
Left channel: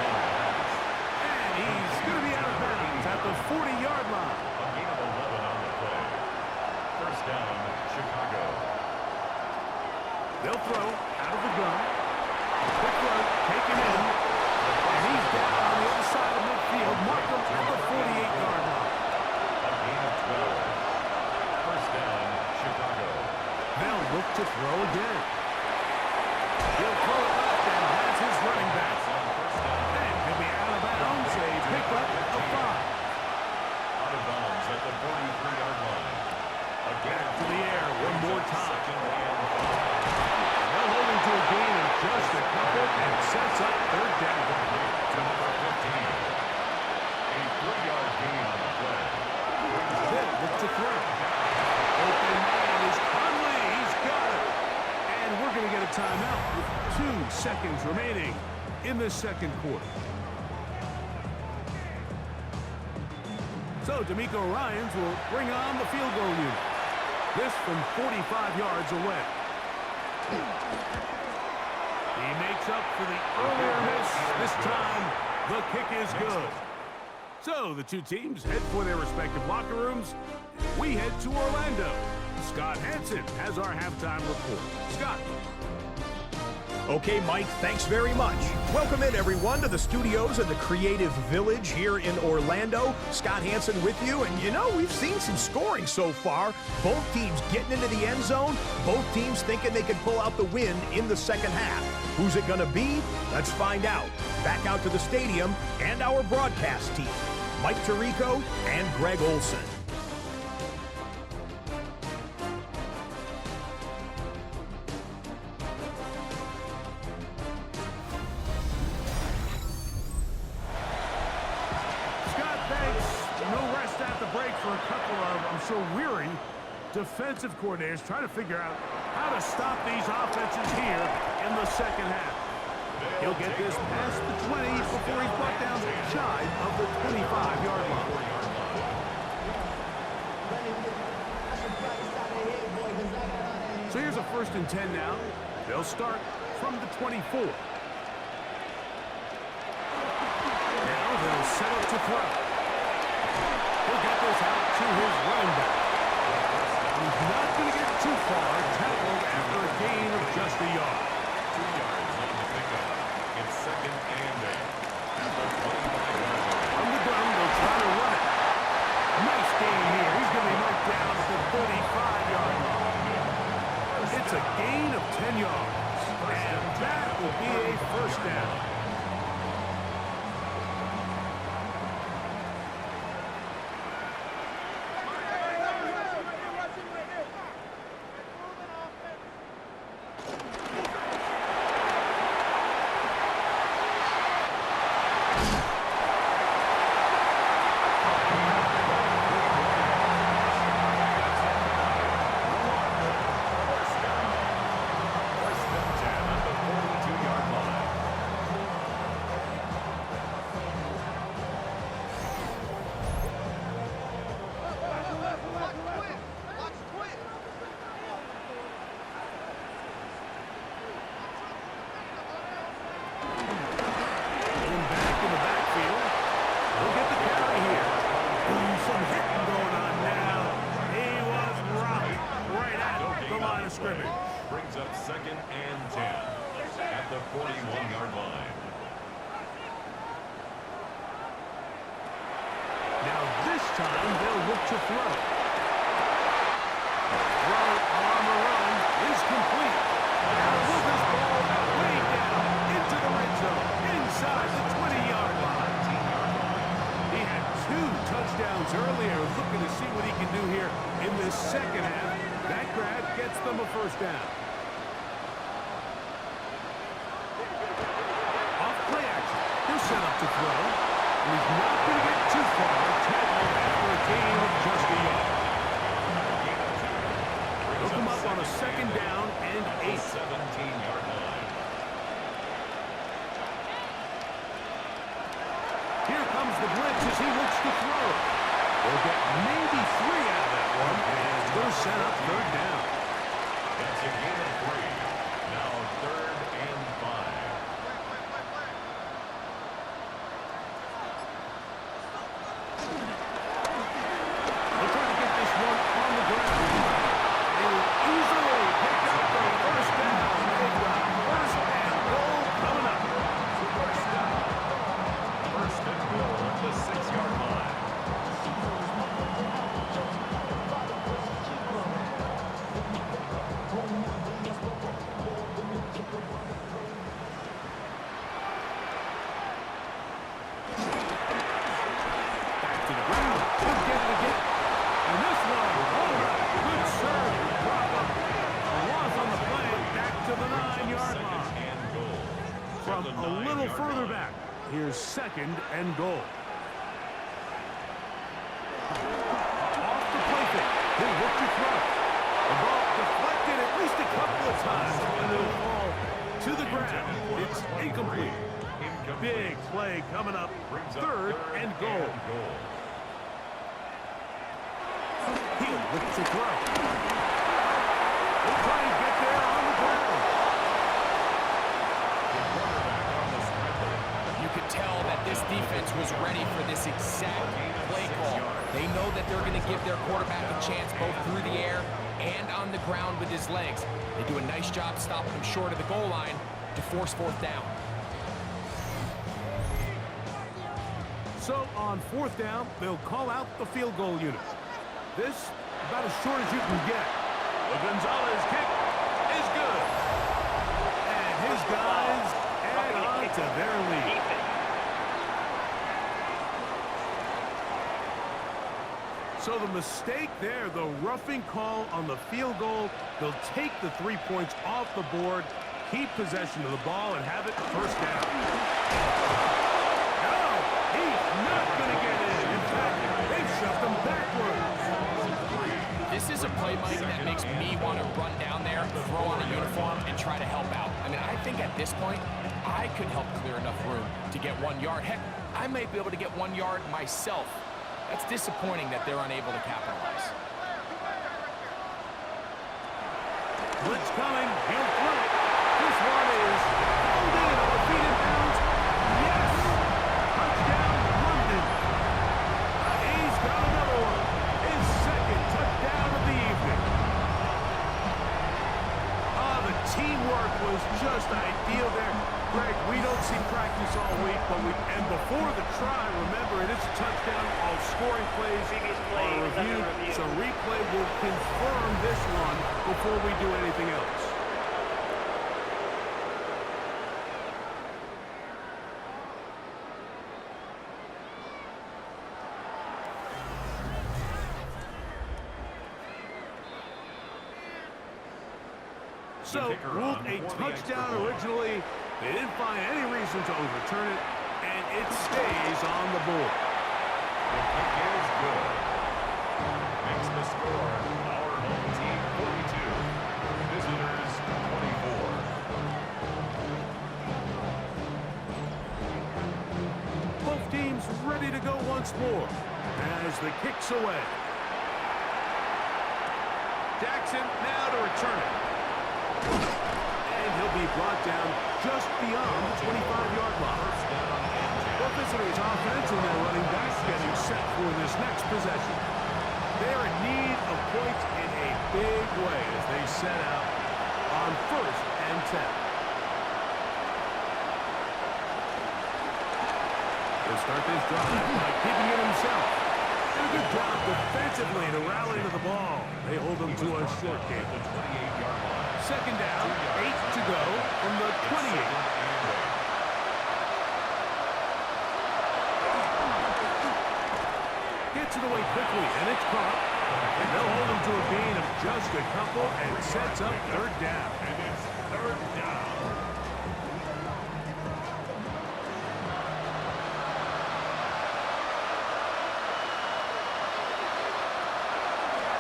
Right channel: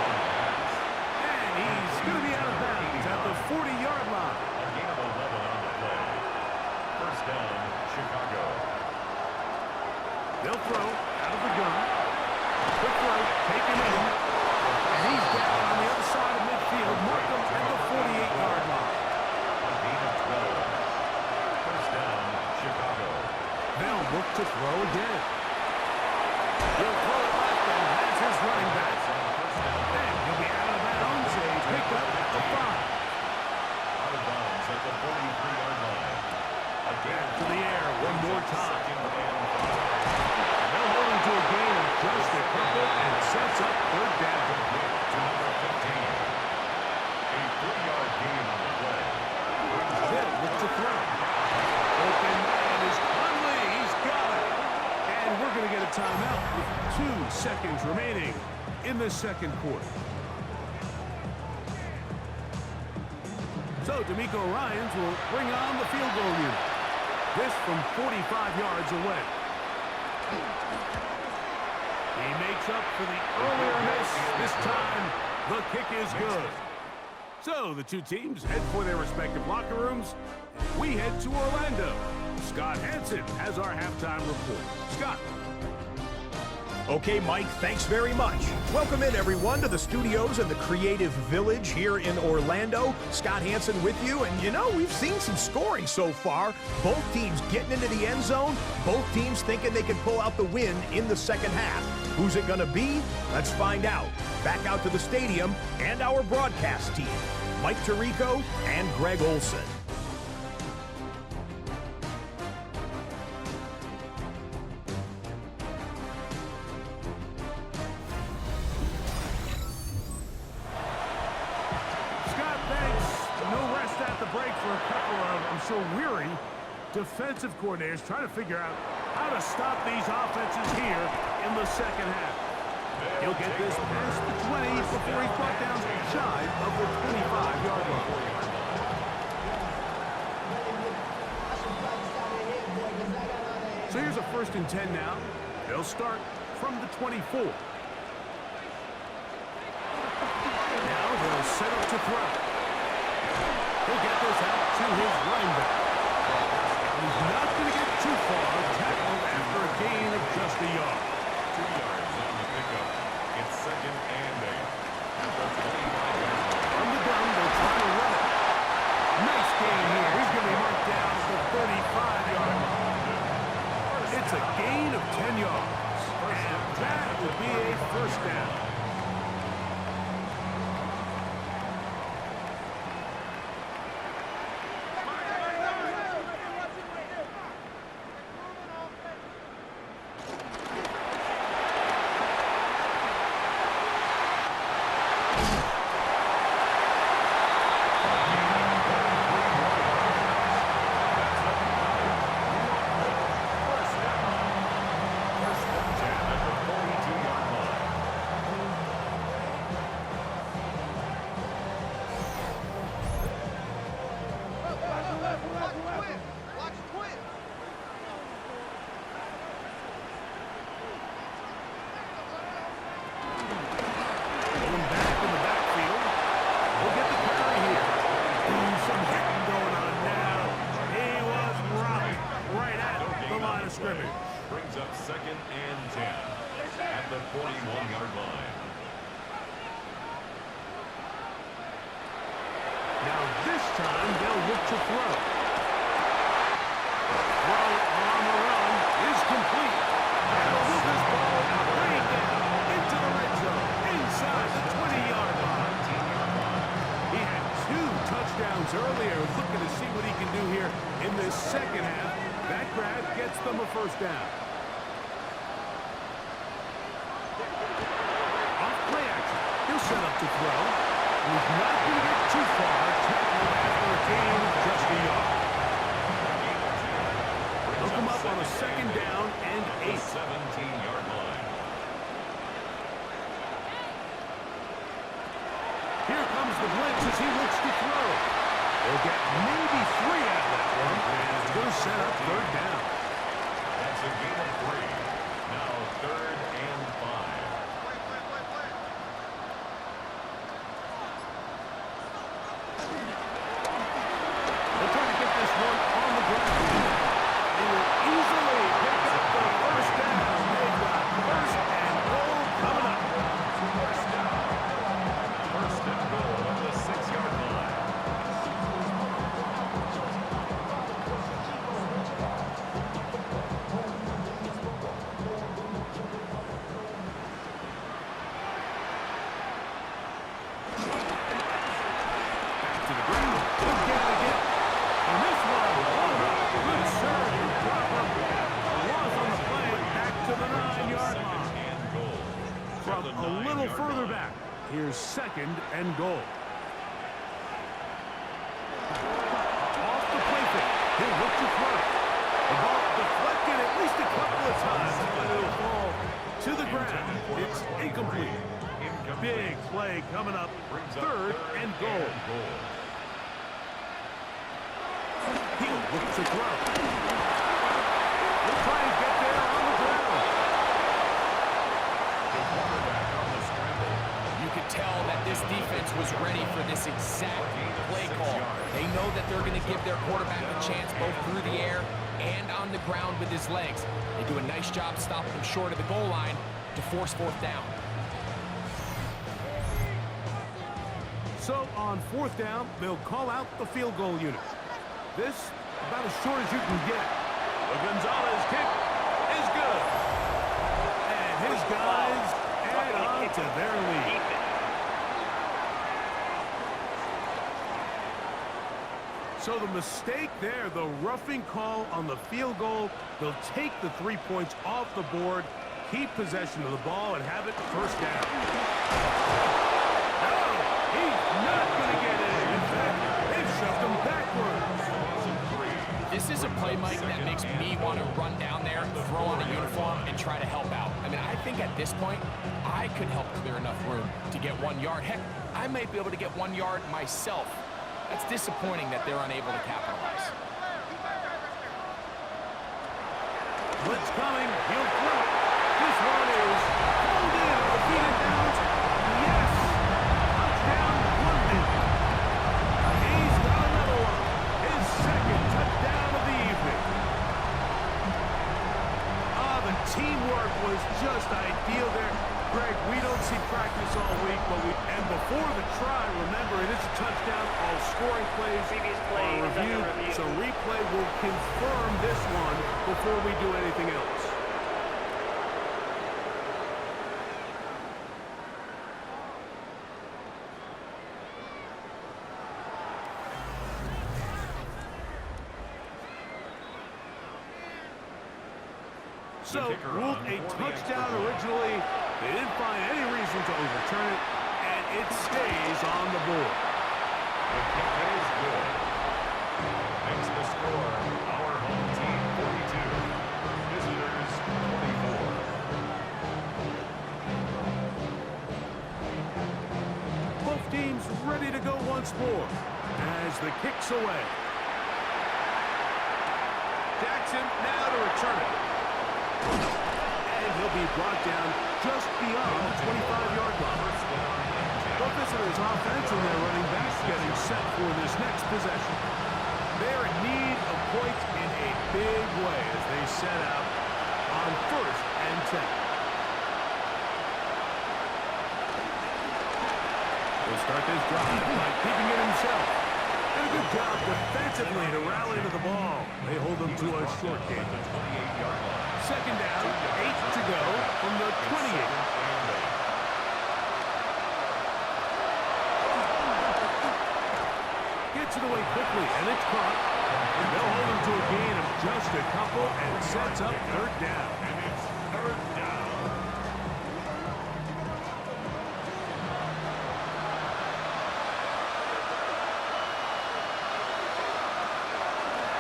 And he's going to be out of bounds at the 40-yard line. A gain of 11 on the play. 1st down, Chicago. They'll throw out of the gun. Quick throw, taken in. And he's down on the other side of midfield. Mark him at the 48-yard line. A gain of 12. 1st down, Chicago. They'll look to throw again. He'll throw it left and has his running back. And he'll be out of bounds. A pickup of 5. Out of bounds at the 43-yard line. Again to the air one more time. 2nd and 5. And they'll hold him to a gain of just a couple and sets up 3rd down. To number 15. A 3-yard gain on the play. They'll look to throw. Open man is Conley. He's got it. And we're going to get a timeout with 2 seconds remaining in the 2nd quarter. So D'Amico Ryans will bring on the field goal unit. This from 45 yards away. He makes up for the earlier miss. This time, the kick is good. So the 2 teams head for their respective locker rooms. We head to Orlando. Scott Hansen has our halftime report. Scott. Okay, Mike, thanks very much. Welcome in, everyone, to the studios in the Creative Village here in Orlando. Scott Hansen with you, and you know, we've seen some scoring so far. Both teams getting into the end zone, both teams thinking they could pull out the win in the 2nd half. Who's it going to be? Let's find out. Back out to the stadium and our broadcast team, Mike Tirico and Greg Olsen. No rest at the break for a couple of, I'm sure, weary defensive coordinators trying to figure out how to stop these offenses here in the 2nd half. He'll get this past the 20 before he's brought down shy of the 25-yard line. So here's a 1st and 10 now. They'll start from the 24. Now they'll set up to throw. He'll get this out to his running back. He's not going to get too far, tackled after a gain of just a yard. 2 yards on the pickup. It's 2nd and 8. At the 25-yard line. From the gun, they'll try to run it. Nice gain here. He's going to be marked down at the 35-yard line. It's a gain of 10 yards. And that will be a 1st down. Brings up 2nd and 10 at the 41-yard line. Now this time they'll look to throw. Throw on the run is complete. And they'll move this ball way down into the red zone, inside the 20-yard line. He had 2 touchdowns earlier, looking to see what he can do here in this 2nd half. That grab gets them a 1st down. Off play action. He'll set up to throw. And he's not going to get too far, tackled after a gain of just a yard. They'll come up on a 2nd down and 8. 17-yard line. Here comes the blitz as he looks to throw. They'll get maybe 3 out of that one, and it's going to set up 3rd down. That's a gain of 3. Now 3rd and 5. They'll try to get this one on the ground. They will easily pick up the 1st down. They've got 1st and goal coming up. 1st down. 1st and goal at the 6-yard line. A little further back. Here's 2nd and goal. Off the play fake. He'll look to throw. The ball deflected at least a couple of times, and it'll fall to the ground. It's incomplete. Big play coming up. 3rd and goal. He'll look to throw. He'll try and get there on the ground. You could tell that this defense was ready for this exact play call. They know that they're going to give their quarterback a chance both through the air and on the ground with his legs. They do a nice job stopping him short of the goal line to force 4th down. So on 4th down, they'll call out the field goal unit. This about as short as you can get. The Gonzalez kick is good. And his guys add on to their lead. So the mistake there, the roughing call on the field goal, they'll take the 3 points off the board, keep possession of the ball, and have it 1st down. No, he's not going to get in. In fact, they've shoved him backwards. This is a play, Mike, that makes me want to run down there, throw on a uniform, and try to help out. I mean, I think at this point, I could help clear enough room to get 1 yard. Heck, I might be able to get 1 yard myself. That's disappointing that they're unable to capitalize. Blitz coming. He'll throw it. This one is pulled in on the feet and downs. Yes! Touchdown, London. He's got another one. His second touchdown of the evening. The teamwork was just ideal there. Greg, we don't see practice all week, and before the try, remember, it is a touchdown. All scoring plays are reviewed, so replay will confirm this one before we do anything else. So, ruled a touchdown originally. They didn't find any reason to overturn it, and it stays on the board. The kick is good. Makes the score our home team 42, visitors 24. Both teams ready to go once more as the kick's away. Jackson now to return it. And he'll be brought down just beyond the 25-yard line. The visitors' offense and their running back getting set for this next possession. They're in need of points in a big way as they set out on 1st and 10. He'll start this drive by keeping it himself. Did a good job defensively to rally to the ball. They hold them to a short game. Second down, 8 to go from the 28. Gets it away quickly, and it's caught. And they'll hold him to a gain of just a couple and sets up 3rd down. And it's 3rd down.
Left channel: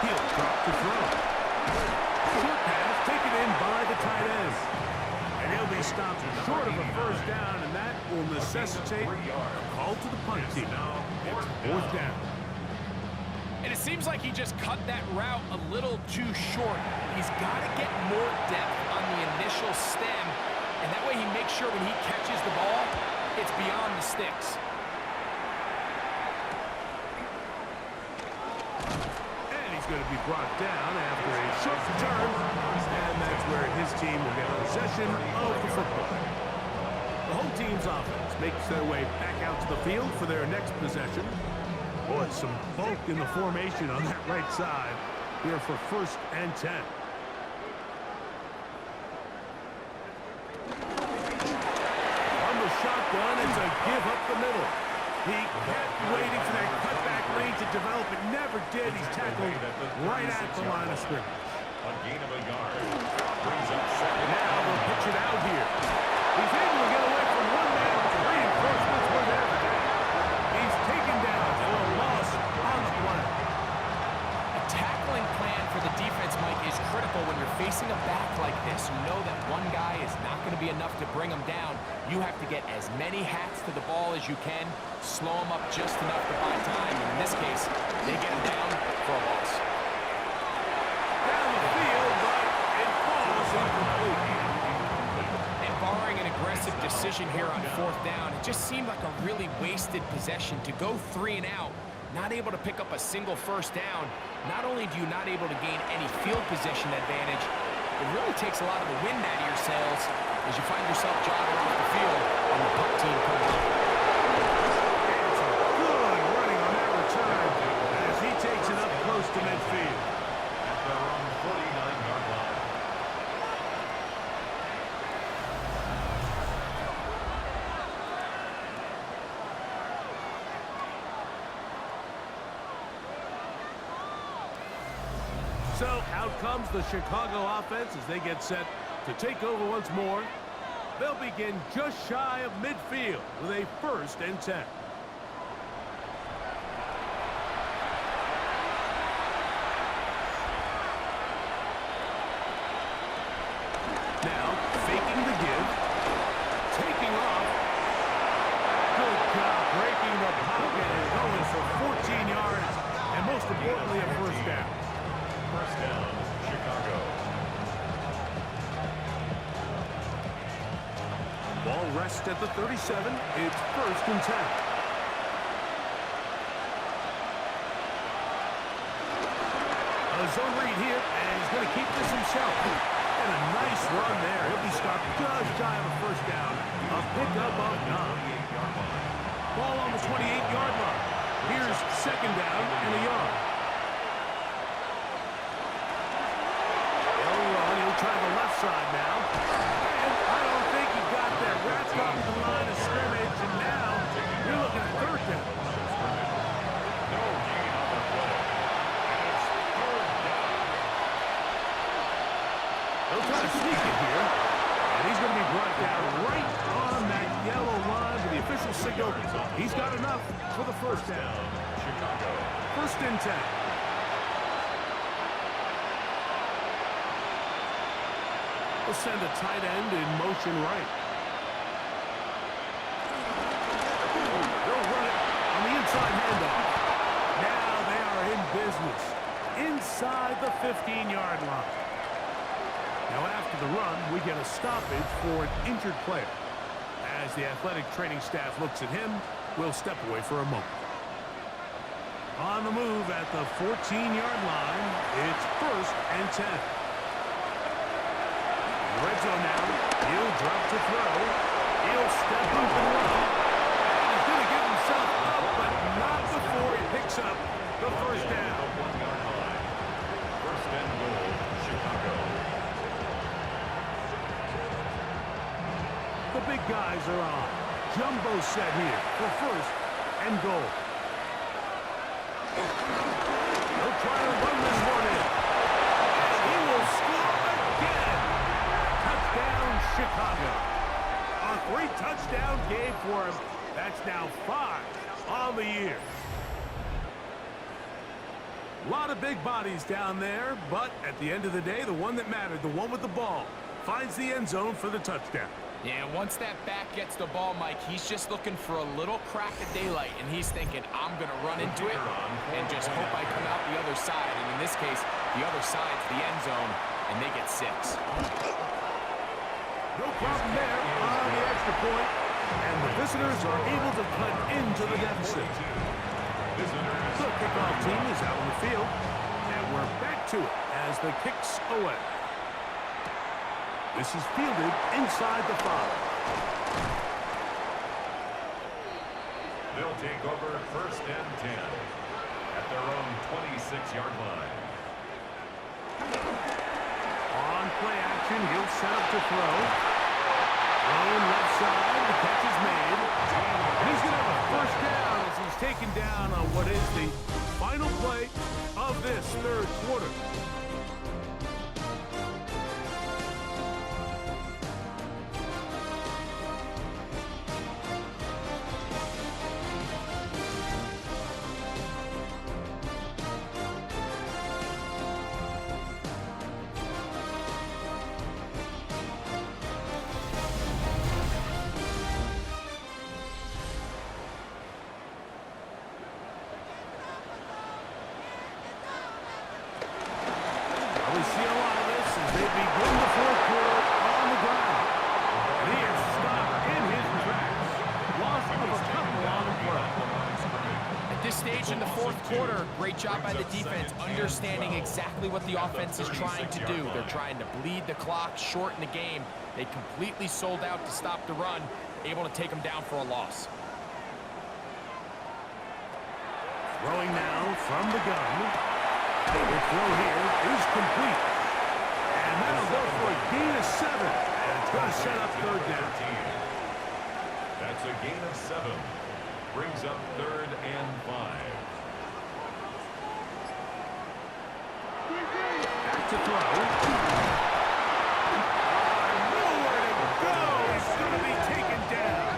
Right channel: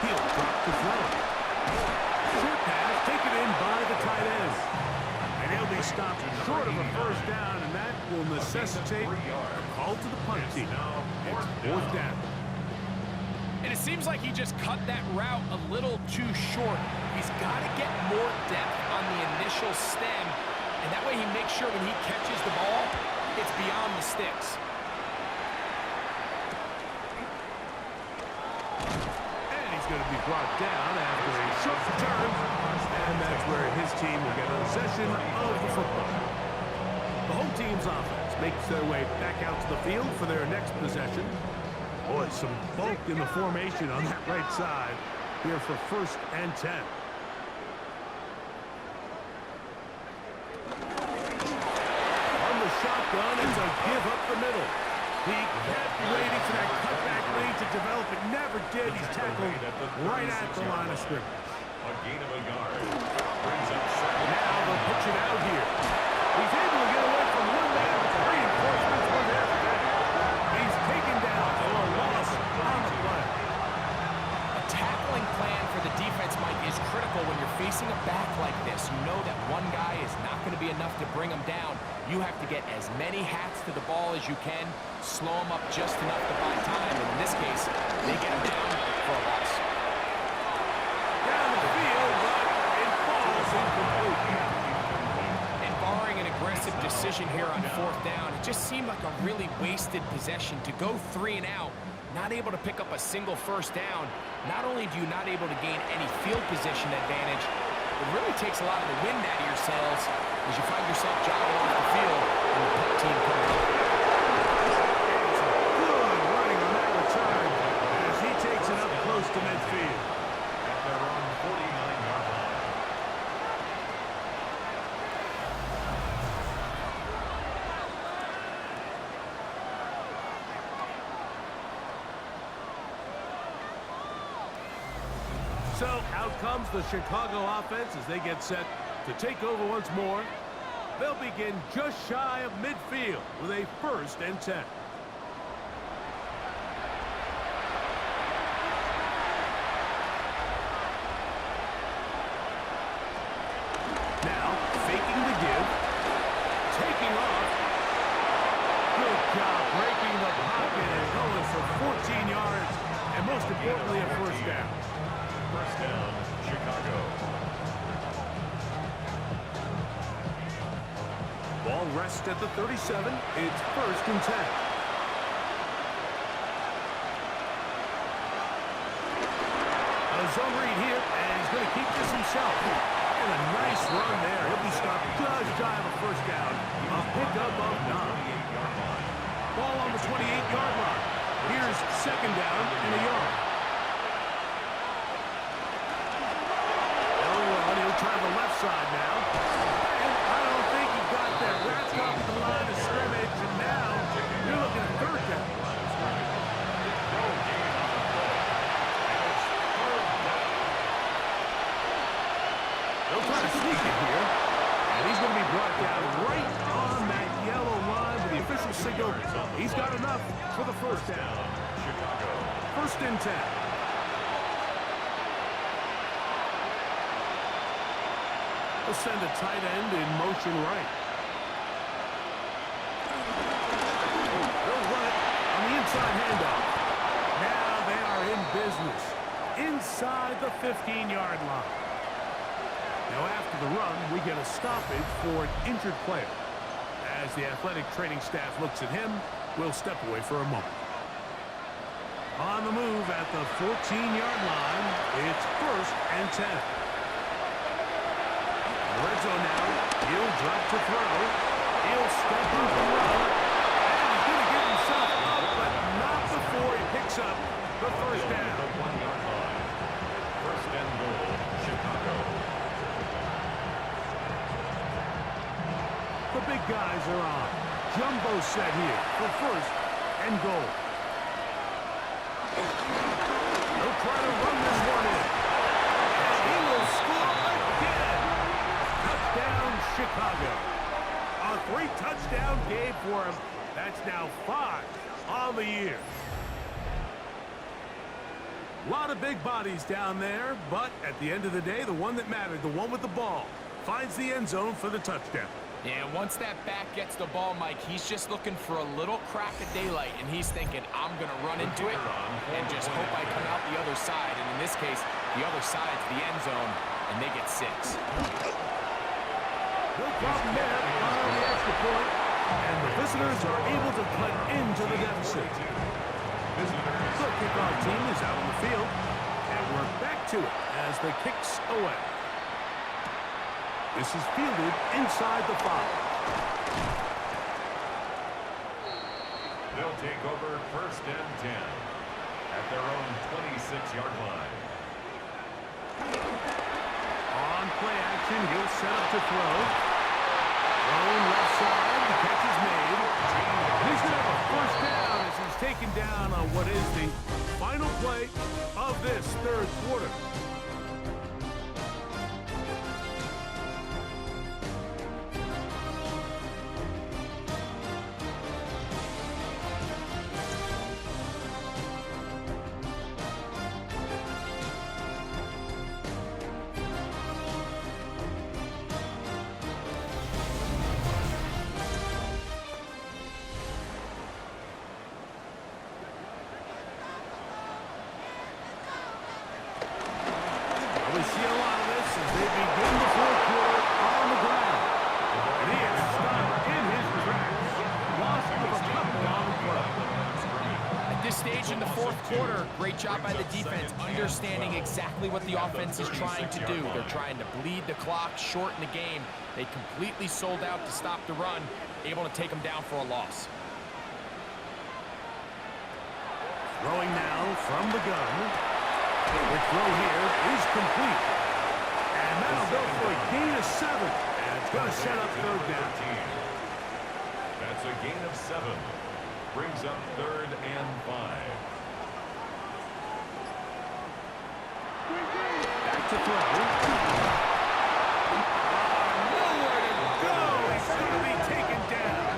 He'll drop the throw. Short pass taken in by the tight end. And he'll be stopped short of a 1st down, and that will necessitate a call to the punt team. It's 4th down. And it seems like he just cut that route a little too short. He's got to get more depth on the initial stem, and that way he makes sure when he catches the ball, it's beyond the sticks. Going to be brought down after a short return, and that's where his team will get possession of the football. The home team's offense makes their way back out to the field for their next possession. Boy, some bulk in the formation on that right side here for 1st and 10. On the shotgun, it's a give up the middle. He kept waiting for that cutback lane to develop. It never did. He's tackled right at the line of scrimmage. A gain of a yard. Brings up 2nd. Now they'll pitch it out here. He's able to get away from one man, but the reinforcements were there for that. He's taken down for a loss on the play. A tackling plan for the defense, Mike, is critical when you're facing a back like this. You know that one guy is not going to be enough to bring him down. You have to get as many hats to the ball as you can, slow him up just enough to buy time, and in this case, they get him down for a loss. Down the field, but it falls incomplete. And barring an aggressive decision here on 4th down, it just seemed like a really wasted possession to go 3 and out, not able to pick up a single 1st down. Not only do you not able to gain any field position advantage, it really takes a lot of the wind out of your sails as you find yourself jogging off the field and the punt team comes up. It's a good running on that return as he takes it up close to midfield. At their own 49-yard line. So out comes the Chicago offense as they get set to take over once more. They'll begin just shy of midfield with a 1st and 10. Now faking the give, taking off. Good job breaking the pocket and going for 14 yards, and most importantly, a 1st down. 1st down, Chicago. Ball rests at the 37. It's 1st and 10. A zone read here, and he's going to keep this himself. And a nice run there. He'll be stopped just shy of a 1st down. A pickup of 9. Ball on the 28-yard line. Here's 2nd down and a yard. They'll run. He'll try the left side now. And I don't think he got there. Wrapped up at the line of scrimmage, and now you're looking at 3rd down. No gain on the play. And it's 3rd down. They'll try to sneak it here. And he's going to be brought down right on that yellow line with the official signal. He's got enough for the 1st down. Chicago. 1st and 10. They'll send a tight end in motion right. They'll run it on the inside handoff. Now they are in business inside the 15-yard line. Now after the run, we get a stoppage for an injured player. As the athletic training staff looks at him, we'll step away for a moment. On the move at the 14-yard line, it's 1st and 10. In the red zone now, he'll drop to throw. He'll step up and run. And he's going to get himself up, but not before he picks up the 1st down. The 1-yard line. 1st and goal, Chicago. The big guys are on. Jumbo set here for 1st and goal. They'll try to run this one in. And he will score again. Touchdown, Chicago. A 3-touchdown game for him. That's now 5 on the year. A lot of big bodies down there, but at the end of the day, the one that mattered, the one with the ball, finds the end zone for the touchdown. Yeah, once that back gets the ball, Mike, he's just looking for a little crack of daylight, and he's thinking, I'm going to run into it and just hope I come out the other side. And in this case, the other side's the end zone, and they get 6. No problem there on the extra point, and the visitors are able to cut into the deficit. The kickoff team is out on the field, and we're back to it as the kick's away. This is fielded inside the 5. They'll take over 1st and 10 at their own 26-yard line. On play action, he'll set up to throw. Thrown left side, the catch is made. And he's going to have a 1st down as he's taken down on what is the final play of this 3rd quarter. We see a lot of this as they begin the 4th quarter on the ground. And he is stopped in his tracks. Loss of a couple on the play. At this stage in the 4th quarter, great job by the defense, understanding exactly what the offense is trying to do. They're trying to bleed the clock, shorten the game. They completely sold out to stop the run, able to take them down for a loss. Throwing now from the gun. The throw here is complete. And that'll go for a gain of 7. And it's going to set up 3rd down. That's a gain of 7. Brings up 3rd and 5. Back to throw. Nowhere to go. It's going to be taken down.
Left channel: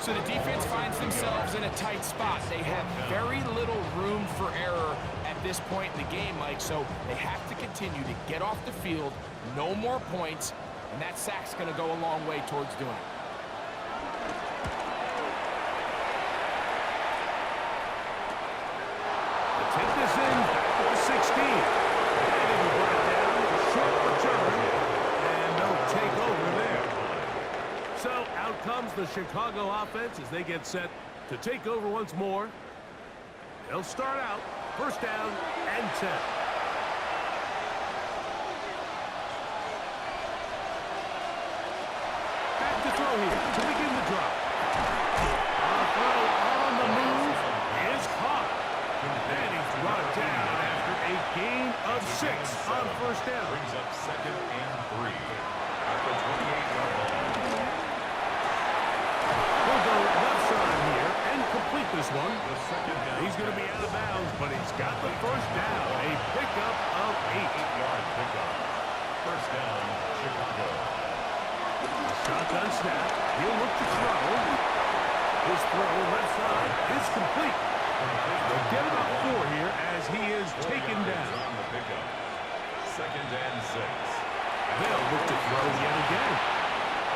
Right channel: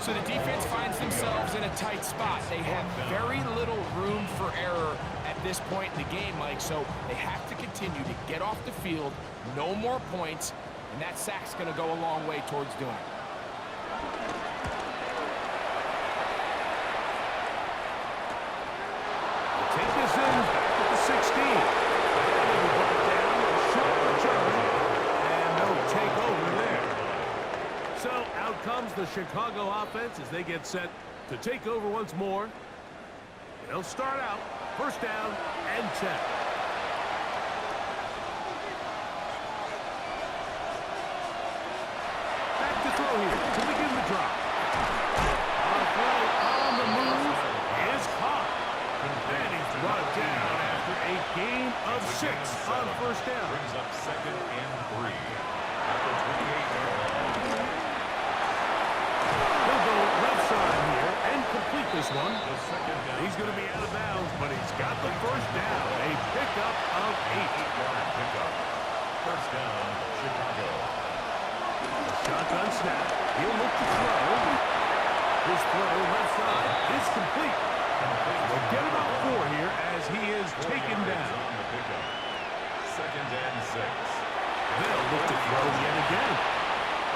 So the defense finds themselves in a tight spot. They have very little room for error at this point in the game, Mike, so they have to continue to get off the field, no more points, and that sack's going to go a long way towards doing it. They'll take this in back at the 16. And it'll be brought down with a short return, and no takeover there. Out comes the Chicago offense as they get set to take over once more. They'll start out first down and 10. Back to throw here to begin the drop. A throw on the move is caught. And he's brought down after a gain of 6 on first down. Brings up second and 3 at the 28-yard line. He'll go left side here and complete this one. The second down. He's going to be out of bounds, but he's got the first down. A pickup of 8. 8-yard pickup. First down, Chicago. Shotgun snap. He'll look to throw. His throw left side is complete. They'll get about 4 here as he is taken down. On the pickup. Second and 6. They'll look to throw yet again.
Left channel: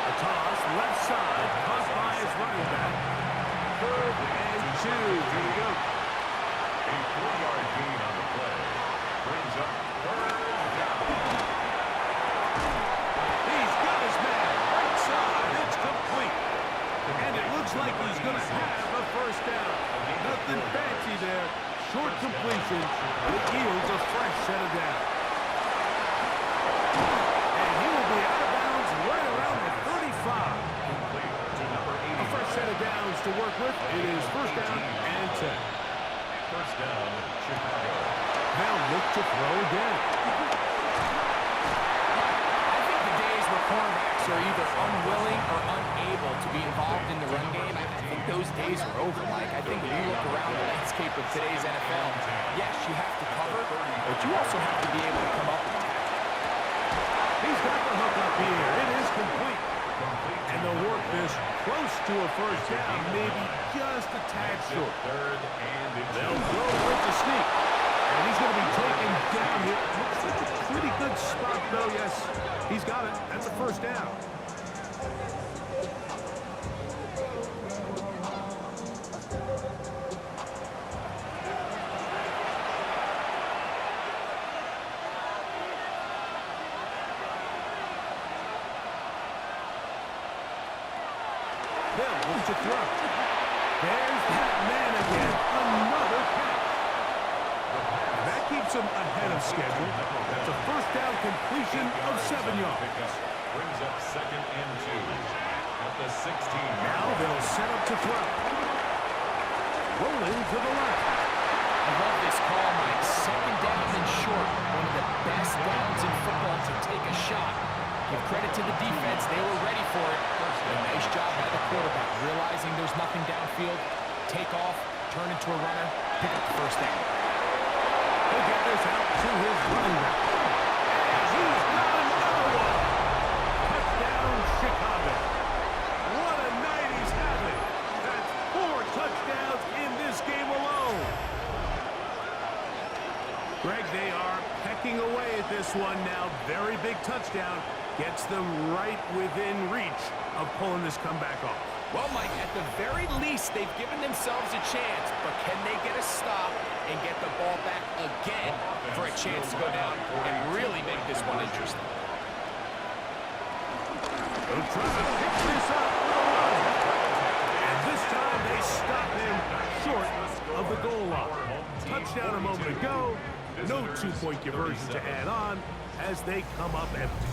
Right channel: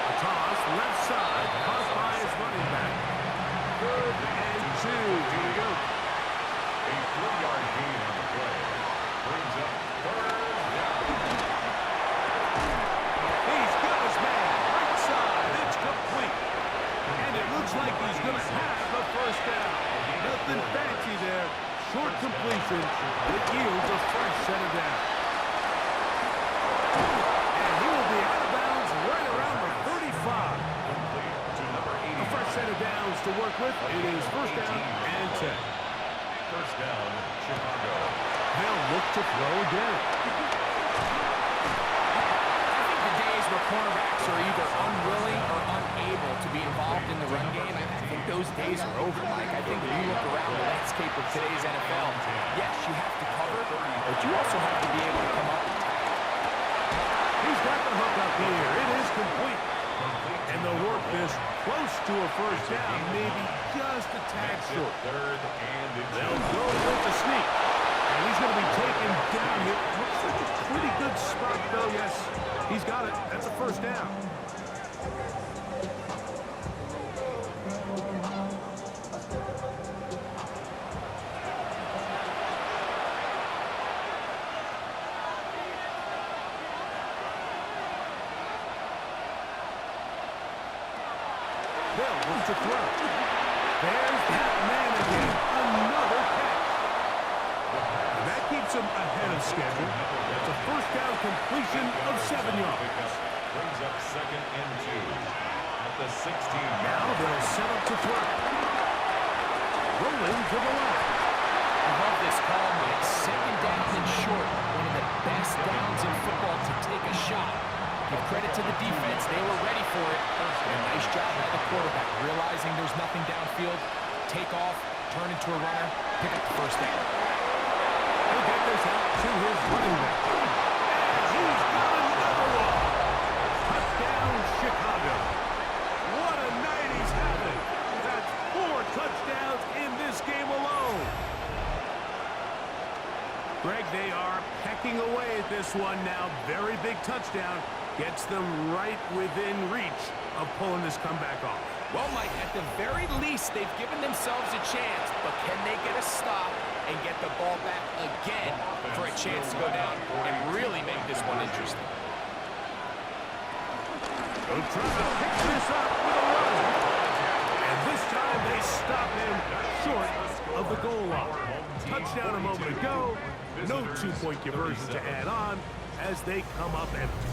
A toss left side caught by his running back. Third and 2. Here we go. A 3-yard gain on the play. Brings up third down. He's got his man. Right side. It's complete. And it looks like he's going to have a first down. Nothing fancy there. Short completion. It yields a fresh set of downs. And he will be out of bounds right around the 35. Complete to number 80. A fresh set of downs to work with. It is first down and 10. First down, Chicago. They'll look to throw again. I think the days where cornerbacks are either unwilling or unable to be involved in the run game, I think those days are over, Mike. I think when you look around the landscape of today's NFL, yes, you have to cover, but you also have to be able to come up and tackle. He's got the hook up here. It is complete. And they'll work this close to a first down, maybe just a tad short. Third and They'll go with the sneak. And he's going to be taken down here. Looks like a pretty good spot, though. Yes, he's got it. That's a first down. They'll look to throw. There's that man again. Another catch. And that keeps him ahead of schedule. That's a first down completion of 7 yards. Brings up second and 2 at the 16. Now they'll set up to throw. Rolling to the left. I love this call, Mike. Second down and short. One of the best downs in football to take a shot. Give credit to the defense. They were ready for it. And a nice job by the quarterback, realizing there's nothing downfield. Take off, turn into a runner, pick up the first down. He'll get this out to his running back. And he's got another one. Touchdown, Chicago. What a night he's having. That's 4 touchdowns in this game alone. Greg, they are pecking away at this one now. Very big touchdown. Gets them right within reach of pulling this comeback off. Well, Mike, at the very least, they've given themselves a chance, but can they get a stop and get the ball back again for a chance to go down and really make this one interesting? They'll try to pick this up with a run. And this time they stop him short of the goal line. Touchdown a moment ago. No 2-point conversion to add on as they come up empty.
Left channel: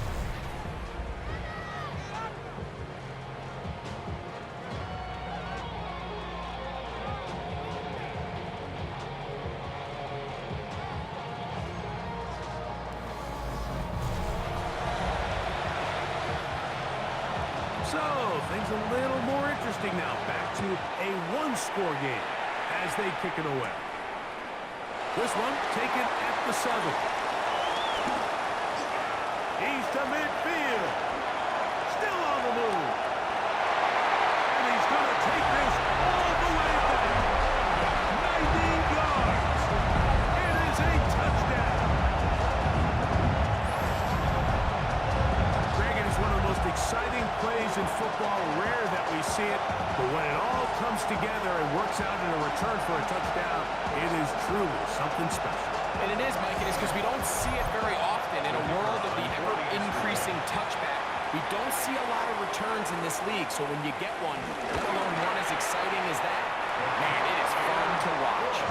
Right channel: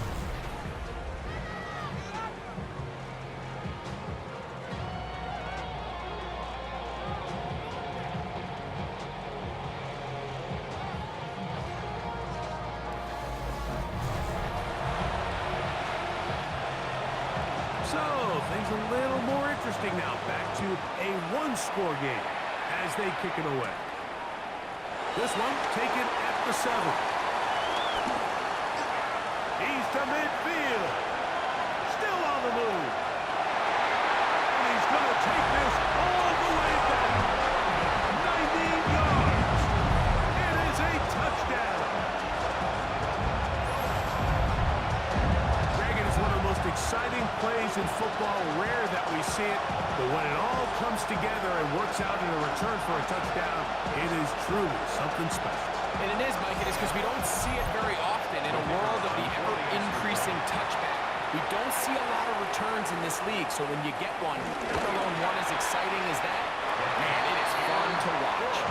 So, things a little more interesting now. Back to a one-score game as they kick it away. This one taken at the 7. He's to midfield. Still on the move. And he's going to take this all the way back. 90 yards. It is a touchdown. Greg, it is one of the most exciting plays in football. Rare that we see it, but when it all comes together and works out in a return for a touchdown, it is truly something special. And it is, Mike. It is because we don't see it very often in a world of the ever-increasing touchback We don't see a lot of returns in this league, so when you get one, let alone one as exciting as that, man, it is fun to watch.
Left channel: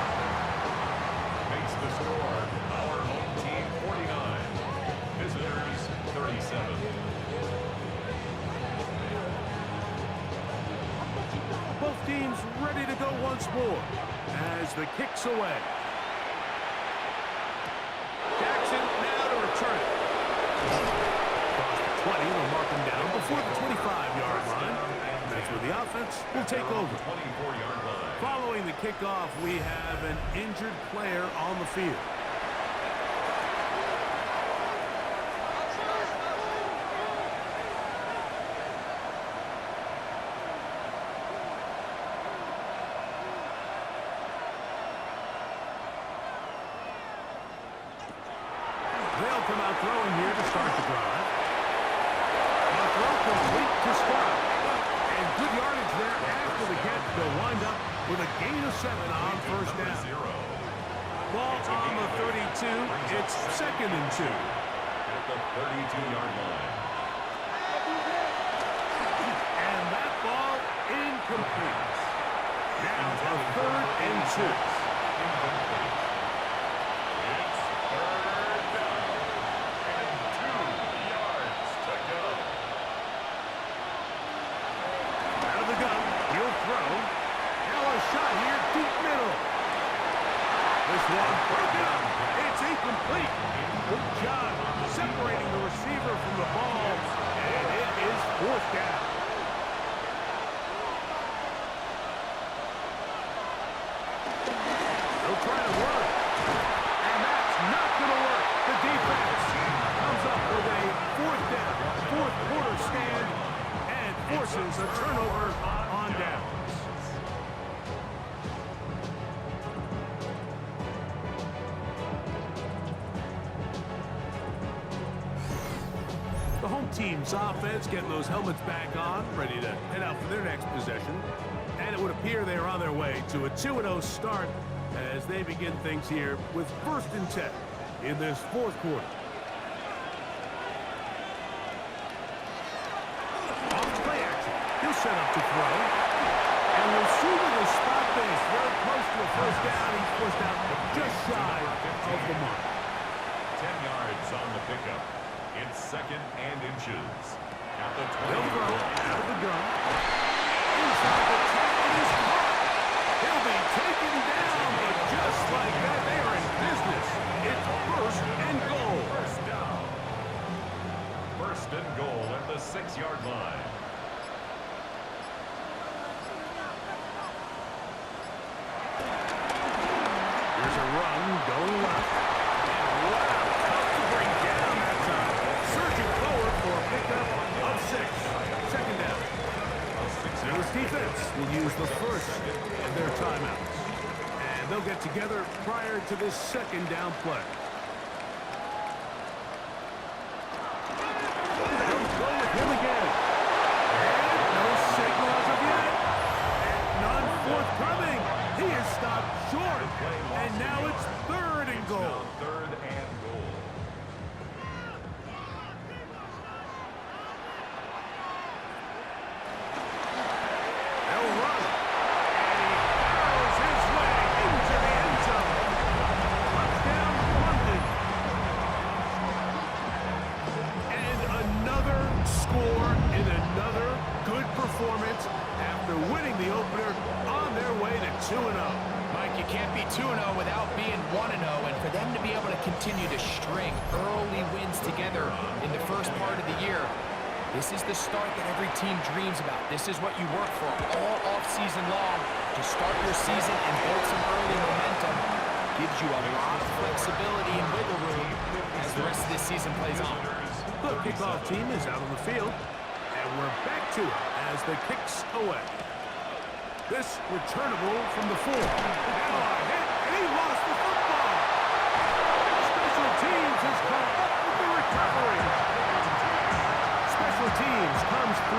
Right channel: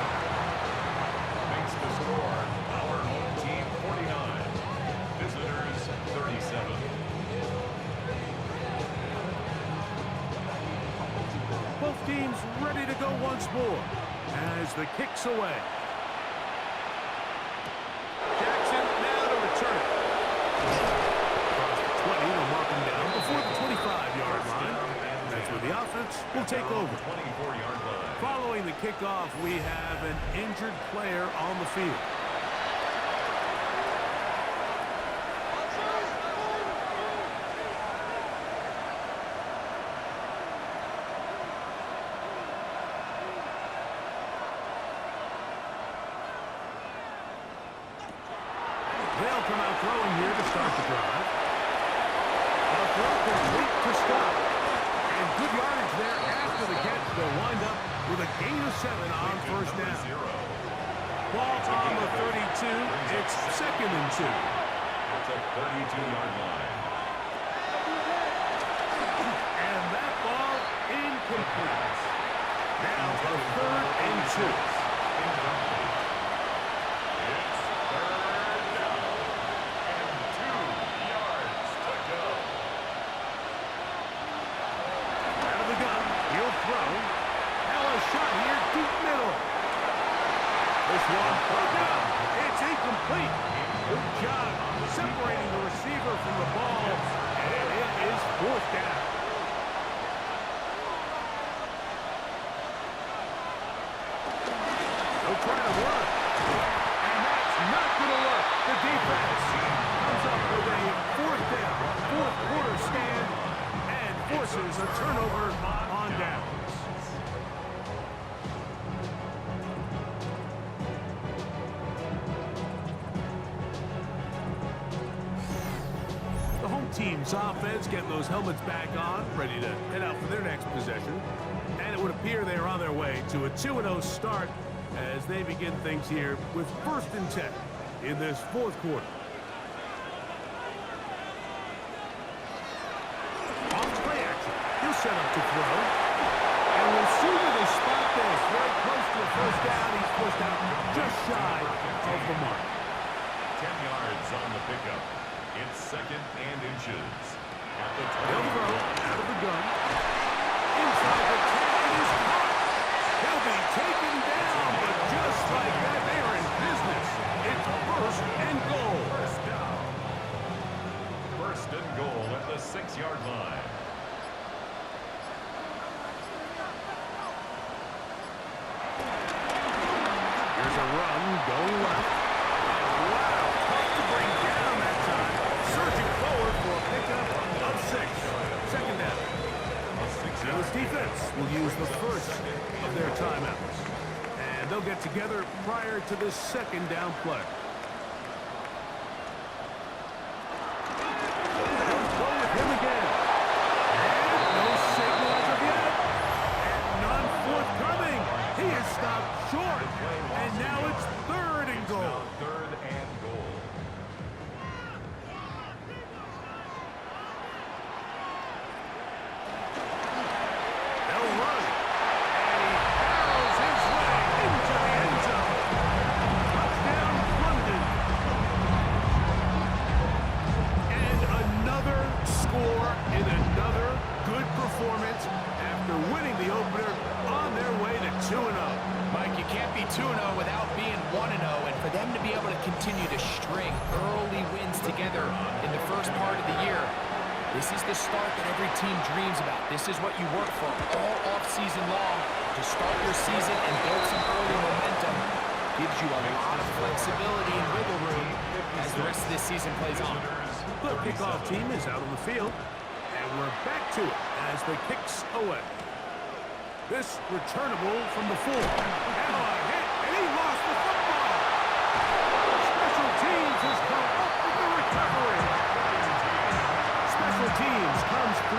Makes the score our home team 49, visitors 37. Both teams ready to go once more as the kick's away. Jackson now to return it. Across the 20, they'll mark him down before the 25-yard line. And that's where the offense will take over. 24-yard line. Following the kickoff, we have an injured player on the field. They'll come out throwing here to start the drive. A throw complete to Scott. And good yardage there after the catch. They'll wind up with a gain of 7 on first down. Ball on the 32. It's 2nd and 2. At the 32-yard line. And that ball incomplete. Now a 3rd and 2. Incomplete. It's 3rd down. And 2 yards to go. Out of the gun, he'll throw. Now a shot here, deep middle. This one broken up. It's incomplete. Good job separating the receiver from the ball. And it is 4th down. They'll try to run. And that's not going to work. The defense comes up with a 4th down, 4th quarter stand, and forces a turnover on downs. The home team's offense getting those helmets back on, ready to head out for their next possession. And it would appear they are on their way to a 2-0 start as they begin things here with 1st and 10 in this 4th quarter. Off play action. He'll set up to throw. And we'll see where they spot this. Very close to a 1st down. He's pushed out just shy of the mark. 10 yards on the pickup. It's 2nd and inches. At the 20. They'll throw out of the gun. Inside the 10, it is caught. He'll be taken down, but just like that, they are in business. It's 1st and goal. 1st down. 1st and goal at the 6-yard line. Here's a run going left. And wow, tough to bring down that time. Surging forward for a pickup of 6. 2nd down. Now this defense will use the first of their timeouts. And they'll get together prior to this 2nd down play. They'll go with him again. And no signal as of yet. And none forthcoming. He is stopped short. And now it's 3rd and goal. Now 3rd and goal. They'll run. And he barrels his way into the end zone. Touchdown, London. And another score in another good performance after winning the opener on their way to 2-0. Mike, you can't be 2-0 without being 1-0, and for them to be able to continue to string early wins together in the first part of the year, this is the start that every team dreams about. This is what you work for all off-season long to start your season and build some early momentum. Gives you a lot of flexibility and wiggle room as the rest of this season plays on. The kickoff team is out on the field, and we're back to it as the kick's away. This returnable from the 4. Now a hit, and he lost the football. Special teams has come up with the recovery. Special teams comes through.